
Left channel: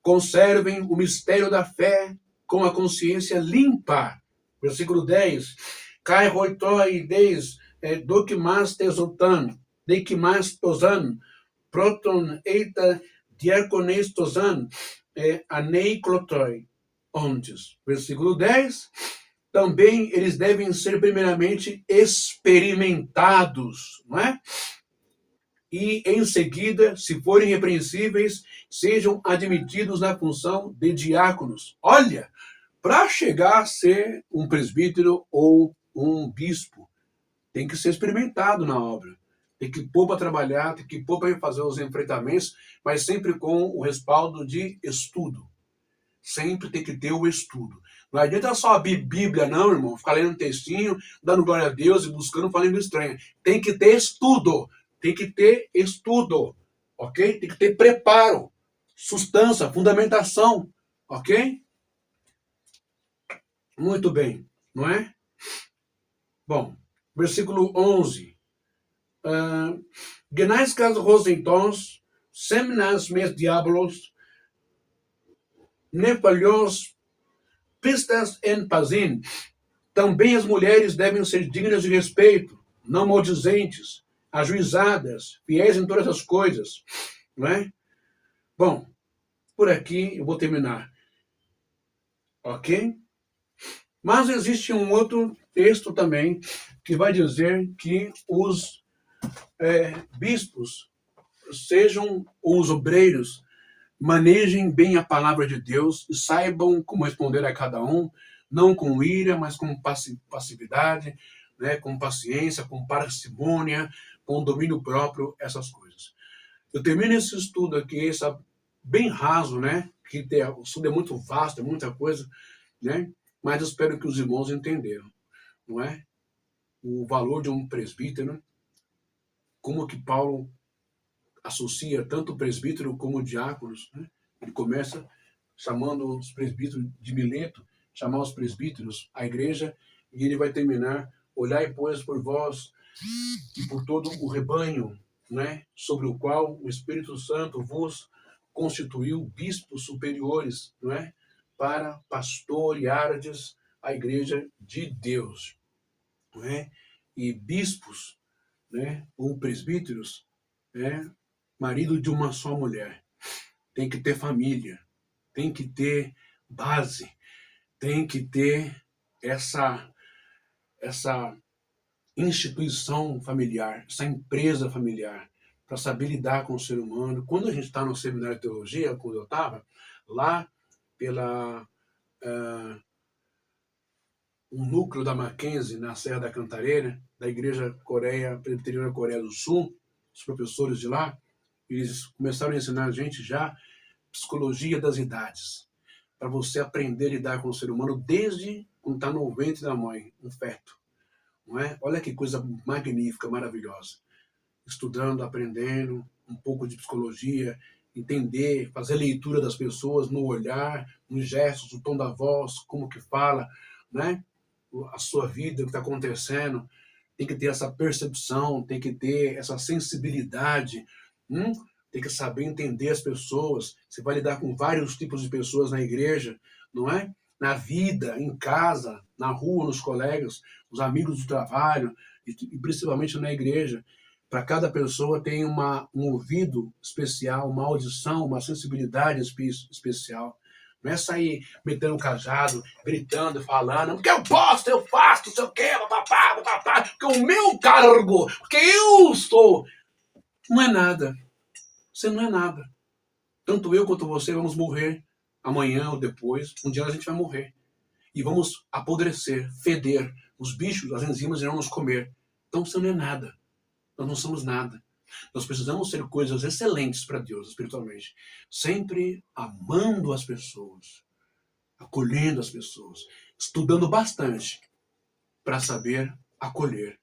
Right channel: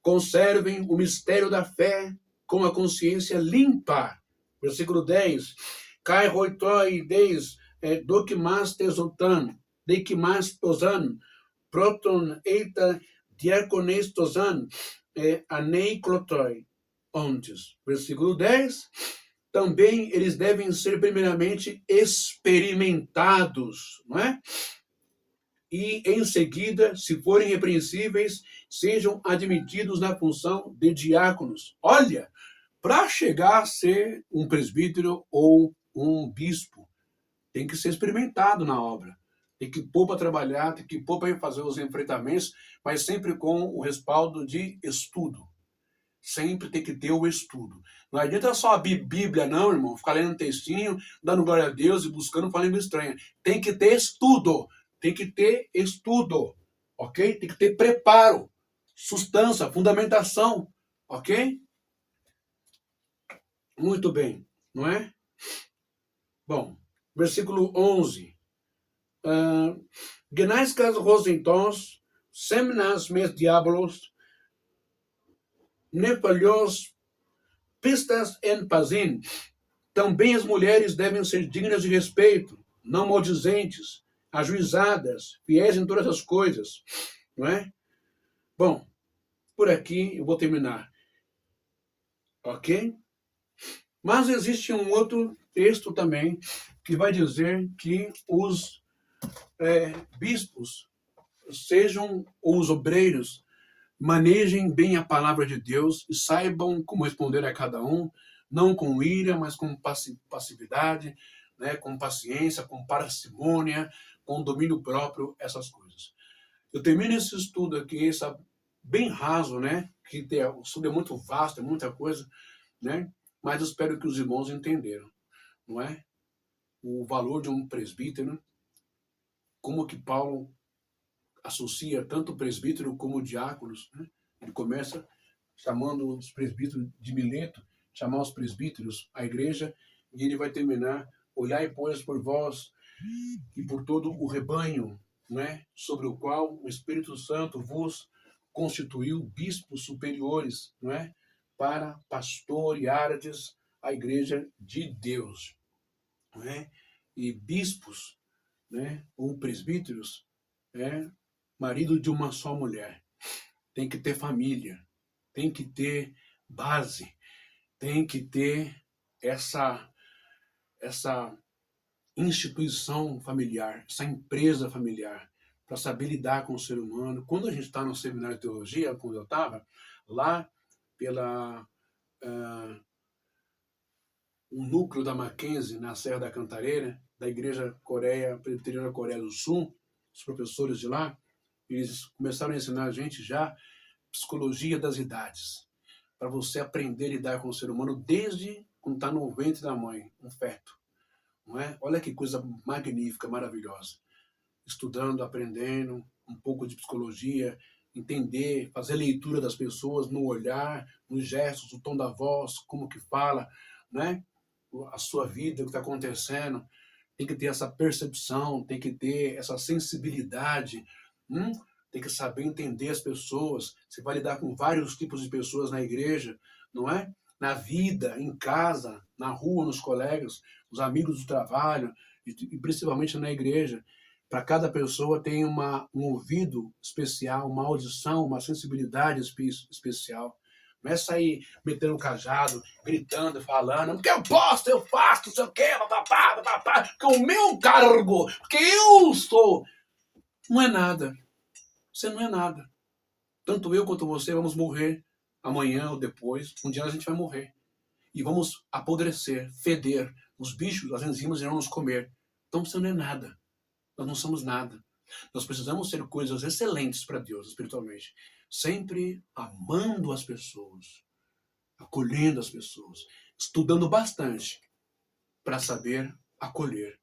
conservem o mistério da fé com a consciência limpa. Versículo 10. Kai hoitoi deis dokimas tesotan, dekimas tosan, proton eita diacones tosan, aneiclotoi. Ontes. Versículo 10. Também eles devem ser primeiramente experimentados, não é? E em seguida, se forem repreensíveis, sejam admitidos na função de diáconos. Olha, para chegar a ser um presbítero ou um bispo, tem que ser experimentado na obra. Tem que pôr para trabalhar, tem que pôr para fazer os enfrentamentos, mas sempre com o respaldo de estudo. Sempre tem que ter o estudo. Não adianta só abrir Bíblia, não, irmão, ficar lendo um textinho, dando glória a Deus e buscando uma língua estranha. Tem que ter estudo. Tem que ter estudo. Ok? Tem que ter preparo, sustância, fundamentação. Ok? Muito bem, não é? Bom, versículo 11. Genais vos então, semnas mes diabolos, nefalhos pistas en pazim. Também as mulheres devem ser dignas de respeito, não maldizentes, ajuizadas, fiéis em todas as coisas, não é? Bom, por aqui eu vou terminar, ok? Mas existe um outro texto também que vai dizer que os bispos sejam os obreiros, manejem bem a palavra de Deus e saibam como responder a cada um, não com ira, mas com passividade, né, com paciência, com parcimônia, com domínio próprio, essas coisas. Eu termino esse estudo aqui, esse bem raso, né, que o estudo é muito vasto, é muita coisa, né, mas eu espero que os irmãos entenderam, não é? O valor de um presbítero, como que Paulo associa tanto o presbítero como diáconos, né? Ele começa chamando os presbíteros de Mileto, chamar os presbíteros à igreja, e ele vai terminar: olhai, pois, por vós e por todo o rebanho, né, sobre o qual o Espírito Santo vos constituiu bispos superiores, não é, para pastoreardes a igreja de Deus, não é? E bispos, né, ou presbíteros, é marido de uma só mulher. Tem que ter família, tem que ter base, tem que ter essa instituição familiar, essa empresa familiar, para saber lidar com o ser humano. Quando a gente está no seminário de teologia, quando eu estava, lá pela um núcleo da Mackenzie, na Serra da Cantareira, da Igreja Presbiteriana Coreia do Sul, os professores de lá, eles começaram a ensinar a gente já psicologia das idades, para você aprender a lidar com o ser humano desde quando está no ventre da mãe, um feto. Não é? Olha que coisa magnífica, maravilhosa. Estudando, aprendendo um pouco de psicologia, entender, fazer leitura das pessoas no olhar, nos gestos, o tom da voz, como que fala, né? A sua vida, o que está acontecendo. Tem que ter essa percepção, tem que ter essa sensibilidade, tem que saber entender as pessoas. Você vai lidar com vários tipos de pessoas na igreja, não é? Na vida, em casa, na rua, nos colegas, os amigos do trabalho, e principalmente na igreja. Para cada pessoa tem um ouvido especial, uma audição, uma sensibilidade especial. Não é sair metendo um cajado, gritando, falando, porque eu posso, eu faço, não sei o quê, papapá, porque o meu cargo, porque eu sou. Não é nada. Você não é nada. Tanto eu quanto você vamos morrer amanhã ou depois. Um dia a gente vai morrer. E vamos apodrecer, feder. Os bichos, as enzimas irão nos comer. Então você não é nada. Nós não somos nada. Nós precisamos ser coisas excelentes para Deus, espiritualmente. Sempre amando as pessoas, acolhendo as pessoas, estudando bastante para saber acolher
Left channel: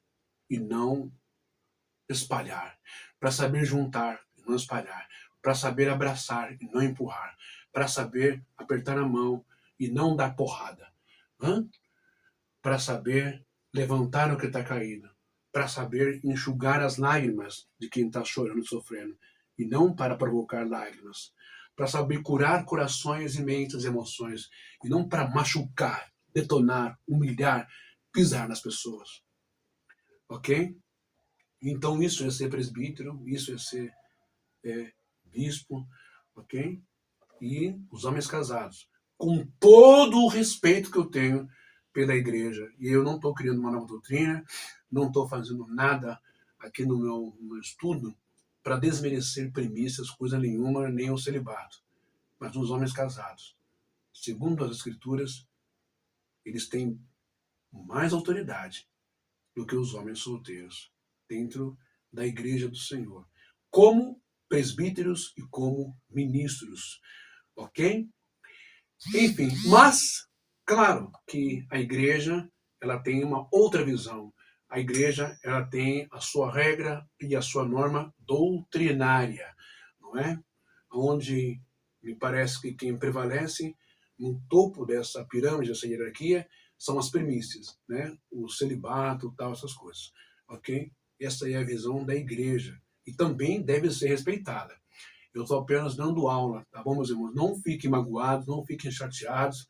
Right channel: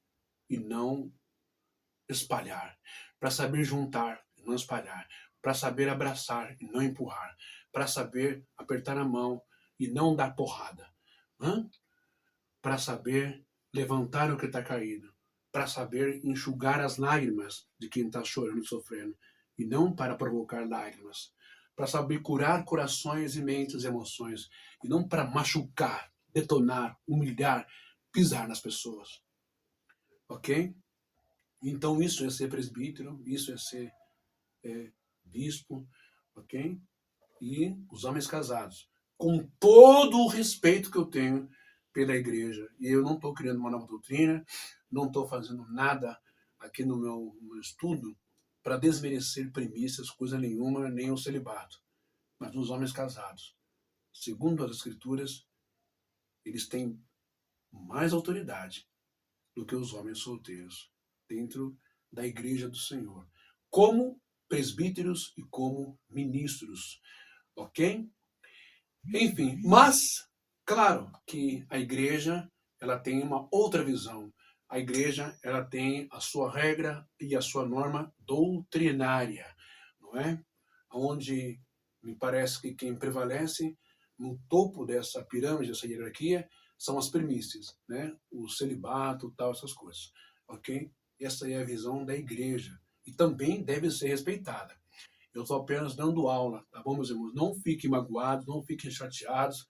e não espalhar, para saber juntar e não espalhar, para saber abraçar e não empurrar, para saber apertar a mão e não dar porrada, para saber levantar o que está caído, para saber enxugar as lágrimas de quem está chorando e sofrendo, e não para provocar lágrimas, para saber curar corações e mentes e emoções, e não para machucar, detonar, humilhar, pisar nas pessoas. Ok? Então isso é ser presbítero, isso é ser bispo, ok? E os homens casados, com todo o respeito que eu tenho pela igreja. E eu não estou criando uma nova doutrina, não estou fazendo nada aqui no meu estudo para desmerecer premissas, coisa nenhuma, nem o celibato. Mas os homens casados, segundo as escrituras, eles têm mais autoridade do que os homens solteiros dentro da igreja do Senhor, como presbíteros e como ministros, ok? Enfim, mas claro que a igreja ela tem uma outra visão. A igreja ela tem a sua regra e a sua norma doutrinária, não é? Onde me parece que quem prevalece no topo dessa pirâmide, dessa hierarquia, são as primícias, né? O celibato, tal, essas coisas, ok? Essa é a visão da igreja e também deve ser respeitada. Eu estou apenas dando aula, tá bom, meus irmãos? Não fiquem magoados, não fiquem chateados,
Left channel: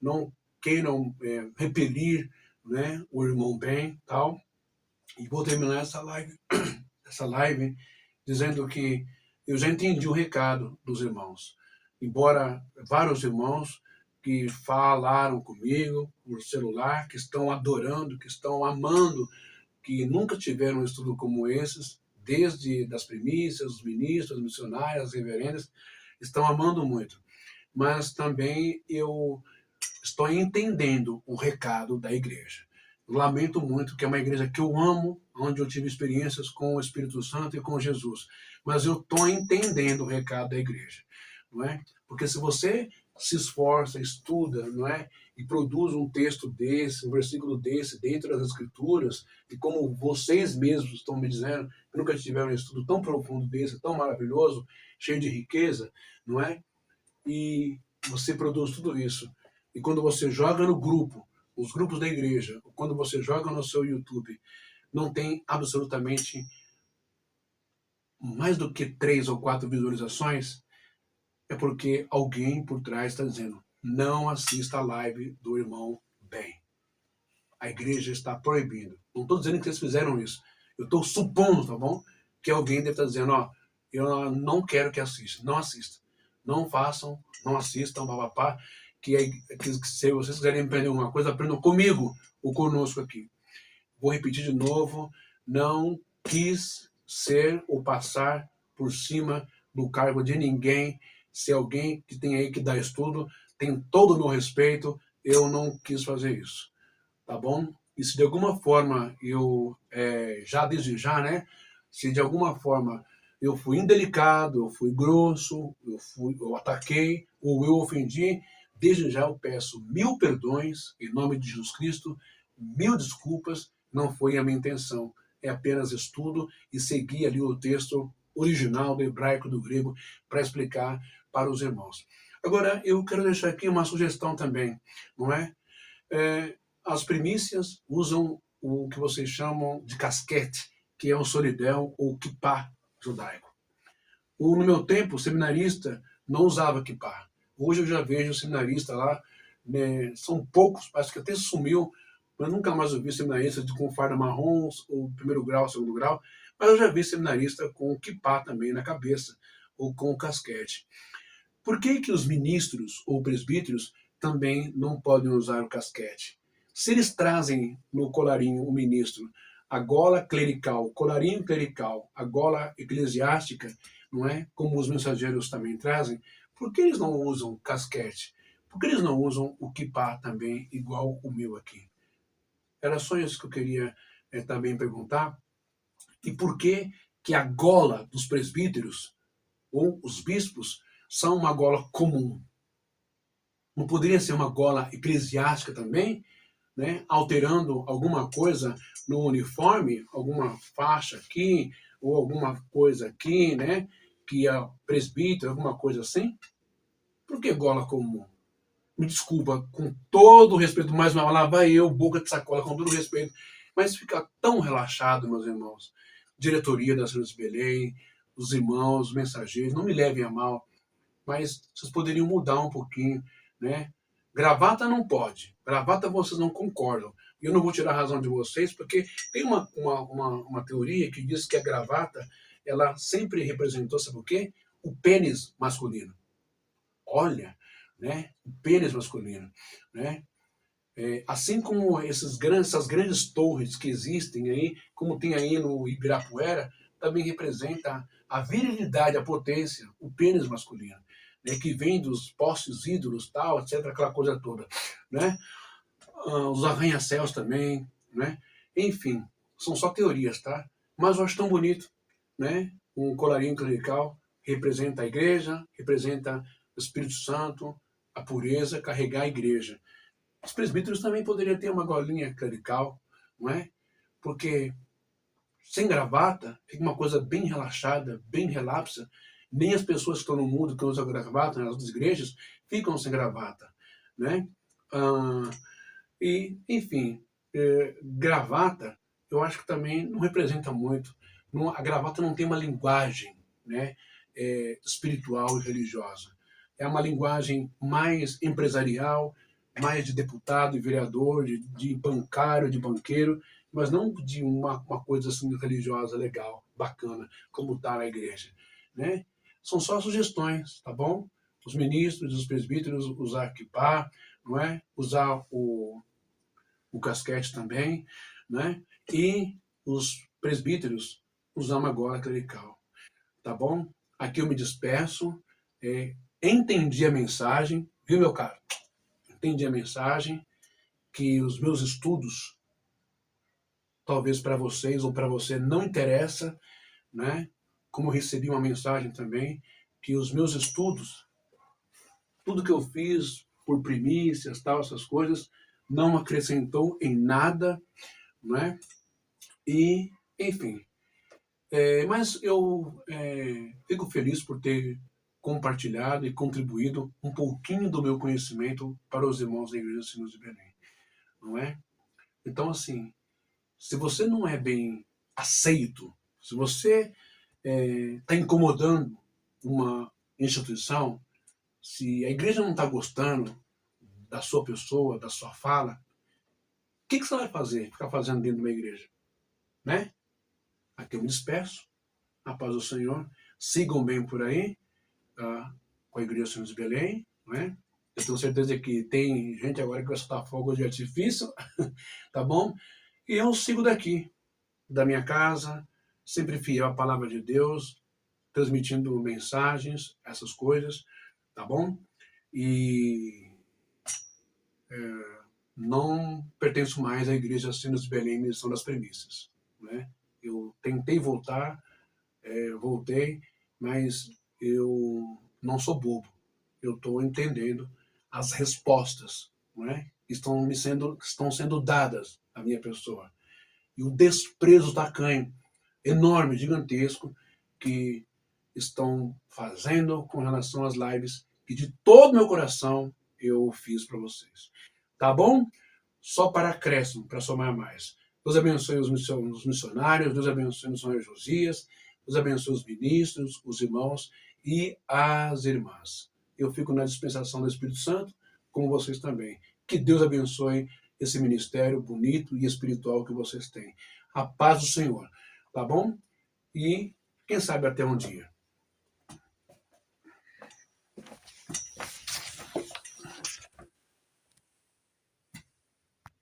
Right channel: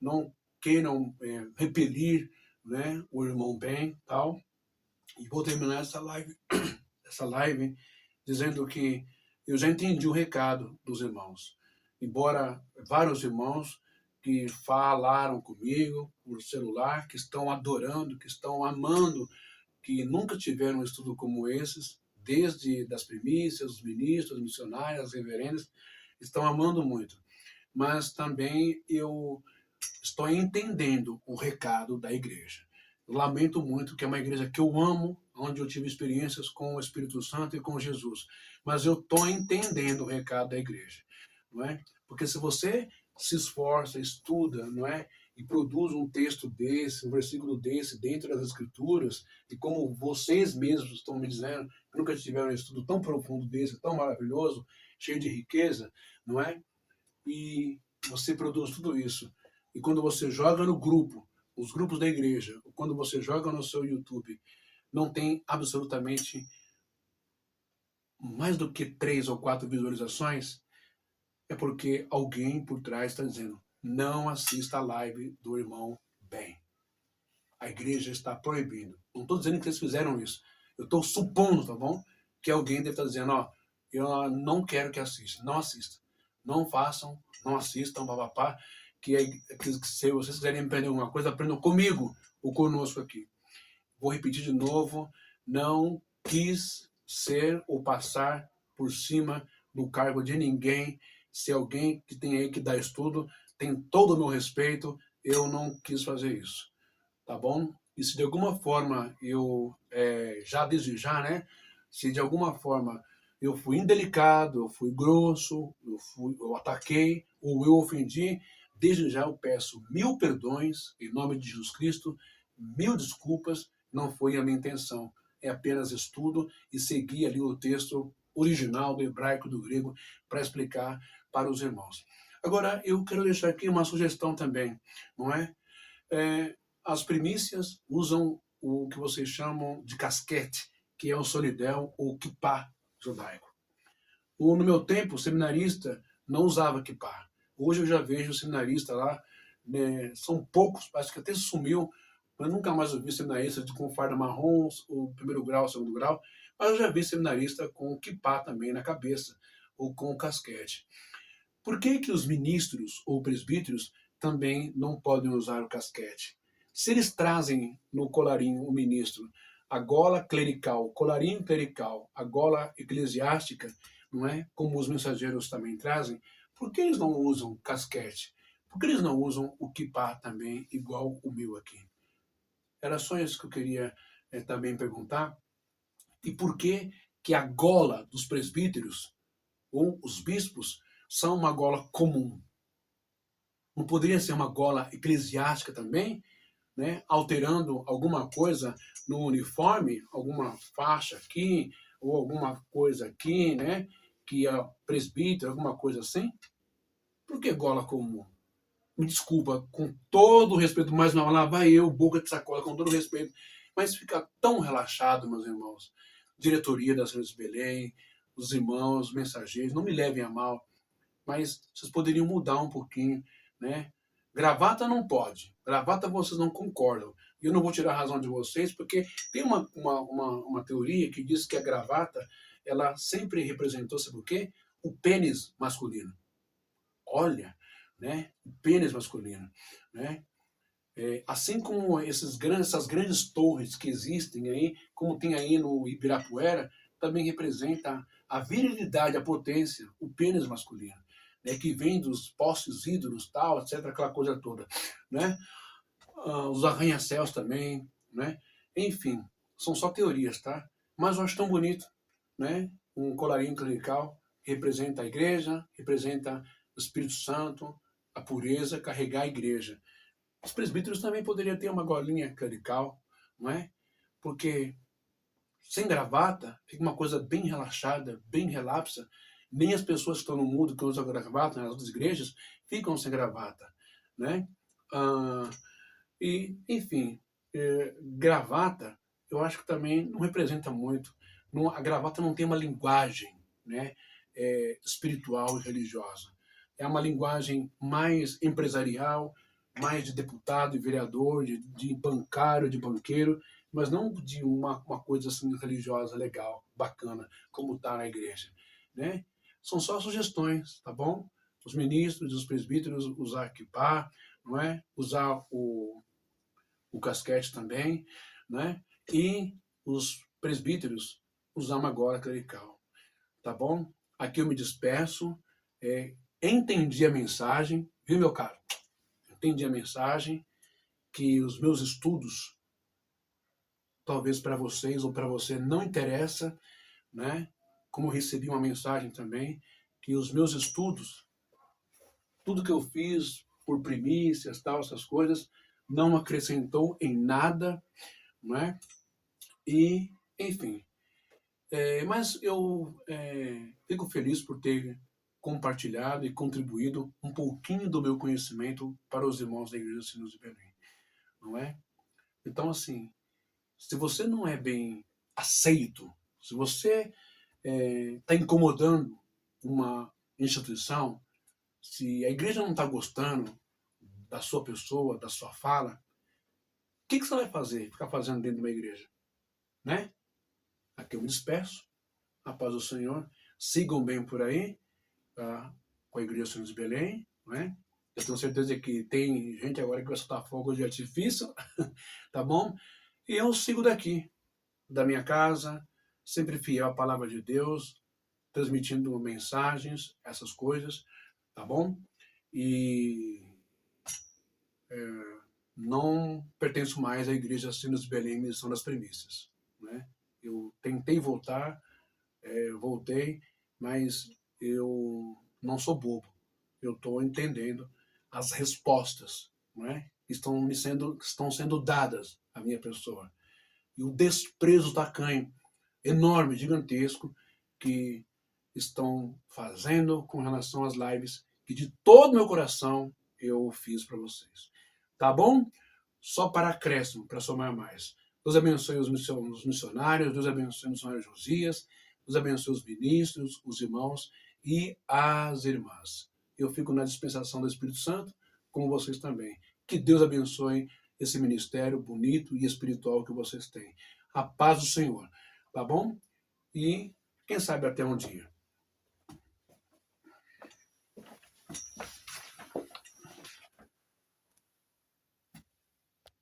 não queiram repelir, né, o irmão Ben, tal. E vou terminar essa live dizendo que eu já entendi o recado dos irmãos. Embora vários irmãos que falaram comigo por celular, que estão adorando, que estão amando, que nunca tiveram um estudo como esses, desde das primícias, os ministros, os missionários, as reverendas, estão amando muito. Mas também eu estou entendendo o recado da igreja. Lamento muito que é uma igreja que eu amo, onde eu tive experiências com o Espírito Santo e com Jesus, mas eu estou entendendo o recado da igreja, não é? Porque se você se esforça, estuda, não é? E produz um texto desse, um versículo desse dentro das Escrituras, e como vocês mesmos estão me dizendo, que nunca tiveram um estudo tão profundo desse, tão maravilhoso, cheio de riqueza, não é? E você produz tudo isso. E quando você joga no grupo, os grupos da igreja, ou quando você joga no seu YouTube, não tem absolutamente mais do que 3 ou 4 visualizações, é porque alguém por trás está dizendo: não assista a live do irmão Ben. A igreja está proibindo. Não estou dizendo que vocês fizeram isso. Eu estou supondo, tá bom? Que alguém deve estar dizendo: ó, eu não quero que assista. Não assista. Não façam, não assistam, papapá. Que se vocês quiserem aprender alguma coisa, aprendam comigo ou conosco aqui. Vou repetir de novo: não quis ser ou passar por cima do cargo de ninguém. Se alguém que tem aí que dar estudo, tem todo o meu respeito, eu não quis fazer isso, tá bom? E se de alguma forma eu, já desde já, né? Se de alguma forma eu fui indelicado, eu fui grosso, eu ataquei ou eu ofendi, desde já eu peço 1000 perdões em nome de Jesus Cristo, 1000 desculpas, não foi a minha intenção. É apenas estudo e seguir ali o texto original do hebraico, do grego, para explicar para os irmãos. Agora, eu quero deixar aqui uma sugestão também, não é? As primícias usam o que vocês chamam de casquete, que é o solidel ou kippá judaico. No meu tempo, o seminarista não usava kippá. Hoje eu já vejo o seminarista lá, né, são poucos, acho que até sumiu, mas nunca mais ouvi seminarista com farda marrom, ou primeiro grau, segundo grau, mas eu já vi seminarista com kippá também na cabeça, ou com casquete. Por que que os ministros ou presbíteros também não podem usar o casquete? Se eles trazem no colarinho o ministro a gola clerical, colarinho clerical, a gola eclesiástica, não é? Como os mensageiros também trazem, por que eles não usam casquete? Por que eles não usam o kippá também, igual o meu aqui? Era só isso que eu queria também perguntar. E por que que a gola dos presbíteros ou os bispos são uma gola comum? Não poderia ser uma gola eclesiástica também, né? Alterando alguma coisa no uniforme, alguma faixa aqui, ou alguma coisa aqui, né? Que é presbítero, alguma coisa assim? Por que gola comum? Me desculpa, com todo o respeito, mais uma lá vai eu, boca de sacola, com todo o respeito, mas fica tão relaxado, meus irmãos. Diretoria das Filhas de Belém, os irmãos, os mensageiros, não me levem a mal, mas vocês poderiam mudar um pouquinho, né? Gravata não pode, gravata vocês não concordam. E eu não vou tirar a razão de vocês, porque tem uma teoria que diz que a gravata, ela sempre representou, sabe o quê? O pênis masculino. Olha, né? O pênis masculino, né? Assim como essas grandes torres que existem aí, como tem aí no Ibirapuera, também representa a virilidade, a potência, o pênis masculino, né, que vem dos postes ídolos, tal, etc., aquela coisa toda, né? Os arranha-céus também, né? Enfim, são só teorias, tá? Mas eu acho tão bonito, né? Um colarinho clerical representa a igreja, representa o Espírito Santo, a pureza, carregar a igreja. Os presbíteros também poderiam ter uma golinha clerical, não é? Porque sem gravata fica uma coisa bem relaxada, bem relapsa. Nem as pessoas que estão no mundo que usam gravata nas outras igrejas ficam sem gravata, né? E, enfim, gravata, eu acho que também não representa muito. A gravata não tem uma linguagem, né, espiritual e religiosa. É uma linguagem mais empresarial, mais de deputado e vereador, de bancário, de banqueiro, mas não de uma coisa assim religiosa legal, bacana, como está na igreja, né? São só sugestões, tá bom? Os ministros, os presbíteros usar kippah, não é? Usar o casquete também, né? E os presbíteros usar uma gola clerical, tá bom? Aqui eu me despeço, entendi a mensagem, viu, meu caro? Entendi a mensagem, que os meus estudos, talvez para vocês ou para você não interessa, né? Como eu recebi uma mensagem também, que os meus estudos, tudo que eu fiz por primícias, tal, essas coisas, não acrescentou em nada, né? E, enfim, mas eu fico feliz por ter compartilhado e contribuído um pouquinho do meu conhecimento para os irmãos da Igreja Sinos de Belém, não é? Então, assim, se você não é bem aceito, se você está incomodando uma instituição, se a igreja não está gostando da sua pessoa, da sua fala, o que você vai fazer? Ficar fazendo dentro de uma igreja, né? Aqui eu me despeço. A paz do Senhor. Sigam bem por aí, tá? Com a Igreja Senhor de Belém, não é? Eu tenho certeza que tem gente agora que vai soltar fogo de artifício, tá bom? E eu sigo daqui, da minha casa, sempre fiel à palavra de Deus, transmitindo mensagens, essas coisas, tá bom? E não pertenço mais à Igreja Sinos de Belém, Missão das Premissas, né? Eu tentei voltar, voltei, mas eu não sou bobo. Eu estou entendendo as respostas, não é? Estão sendo dadas à minha pessoa. E o desprezo tacanho, enorme, gigantesco, que estão fazendo com relação às lives, que de todo meu coração eu fiz para vocês. Tá bom? Só para acréscimo, para somar mais. Deus abençoe os missionários, Deus abençoe o missionário Josias, Deus abençoe os ministros, os irmãos e as irmãs. Eu fico na dispensação do Espírito Santo, como vocês também. Que Deus abençoe esse ministério bonito e espiritual que vocês têm. A paz do Senhor, tá bom? E quem sabe até um dia.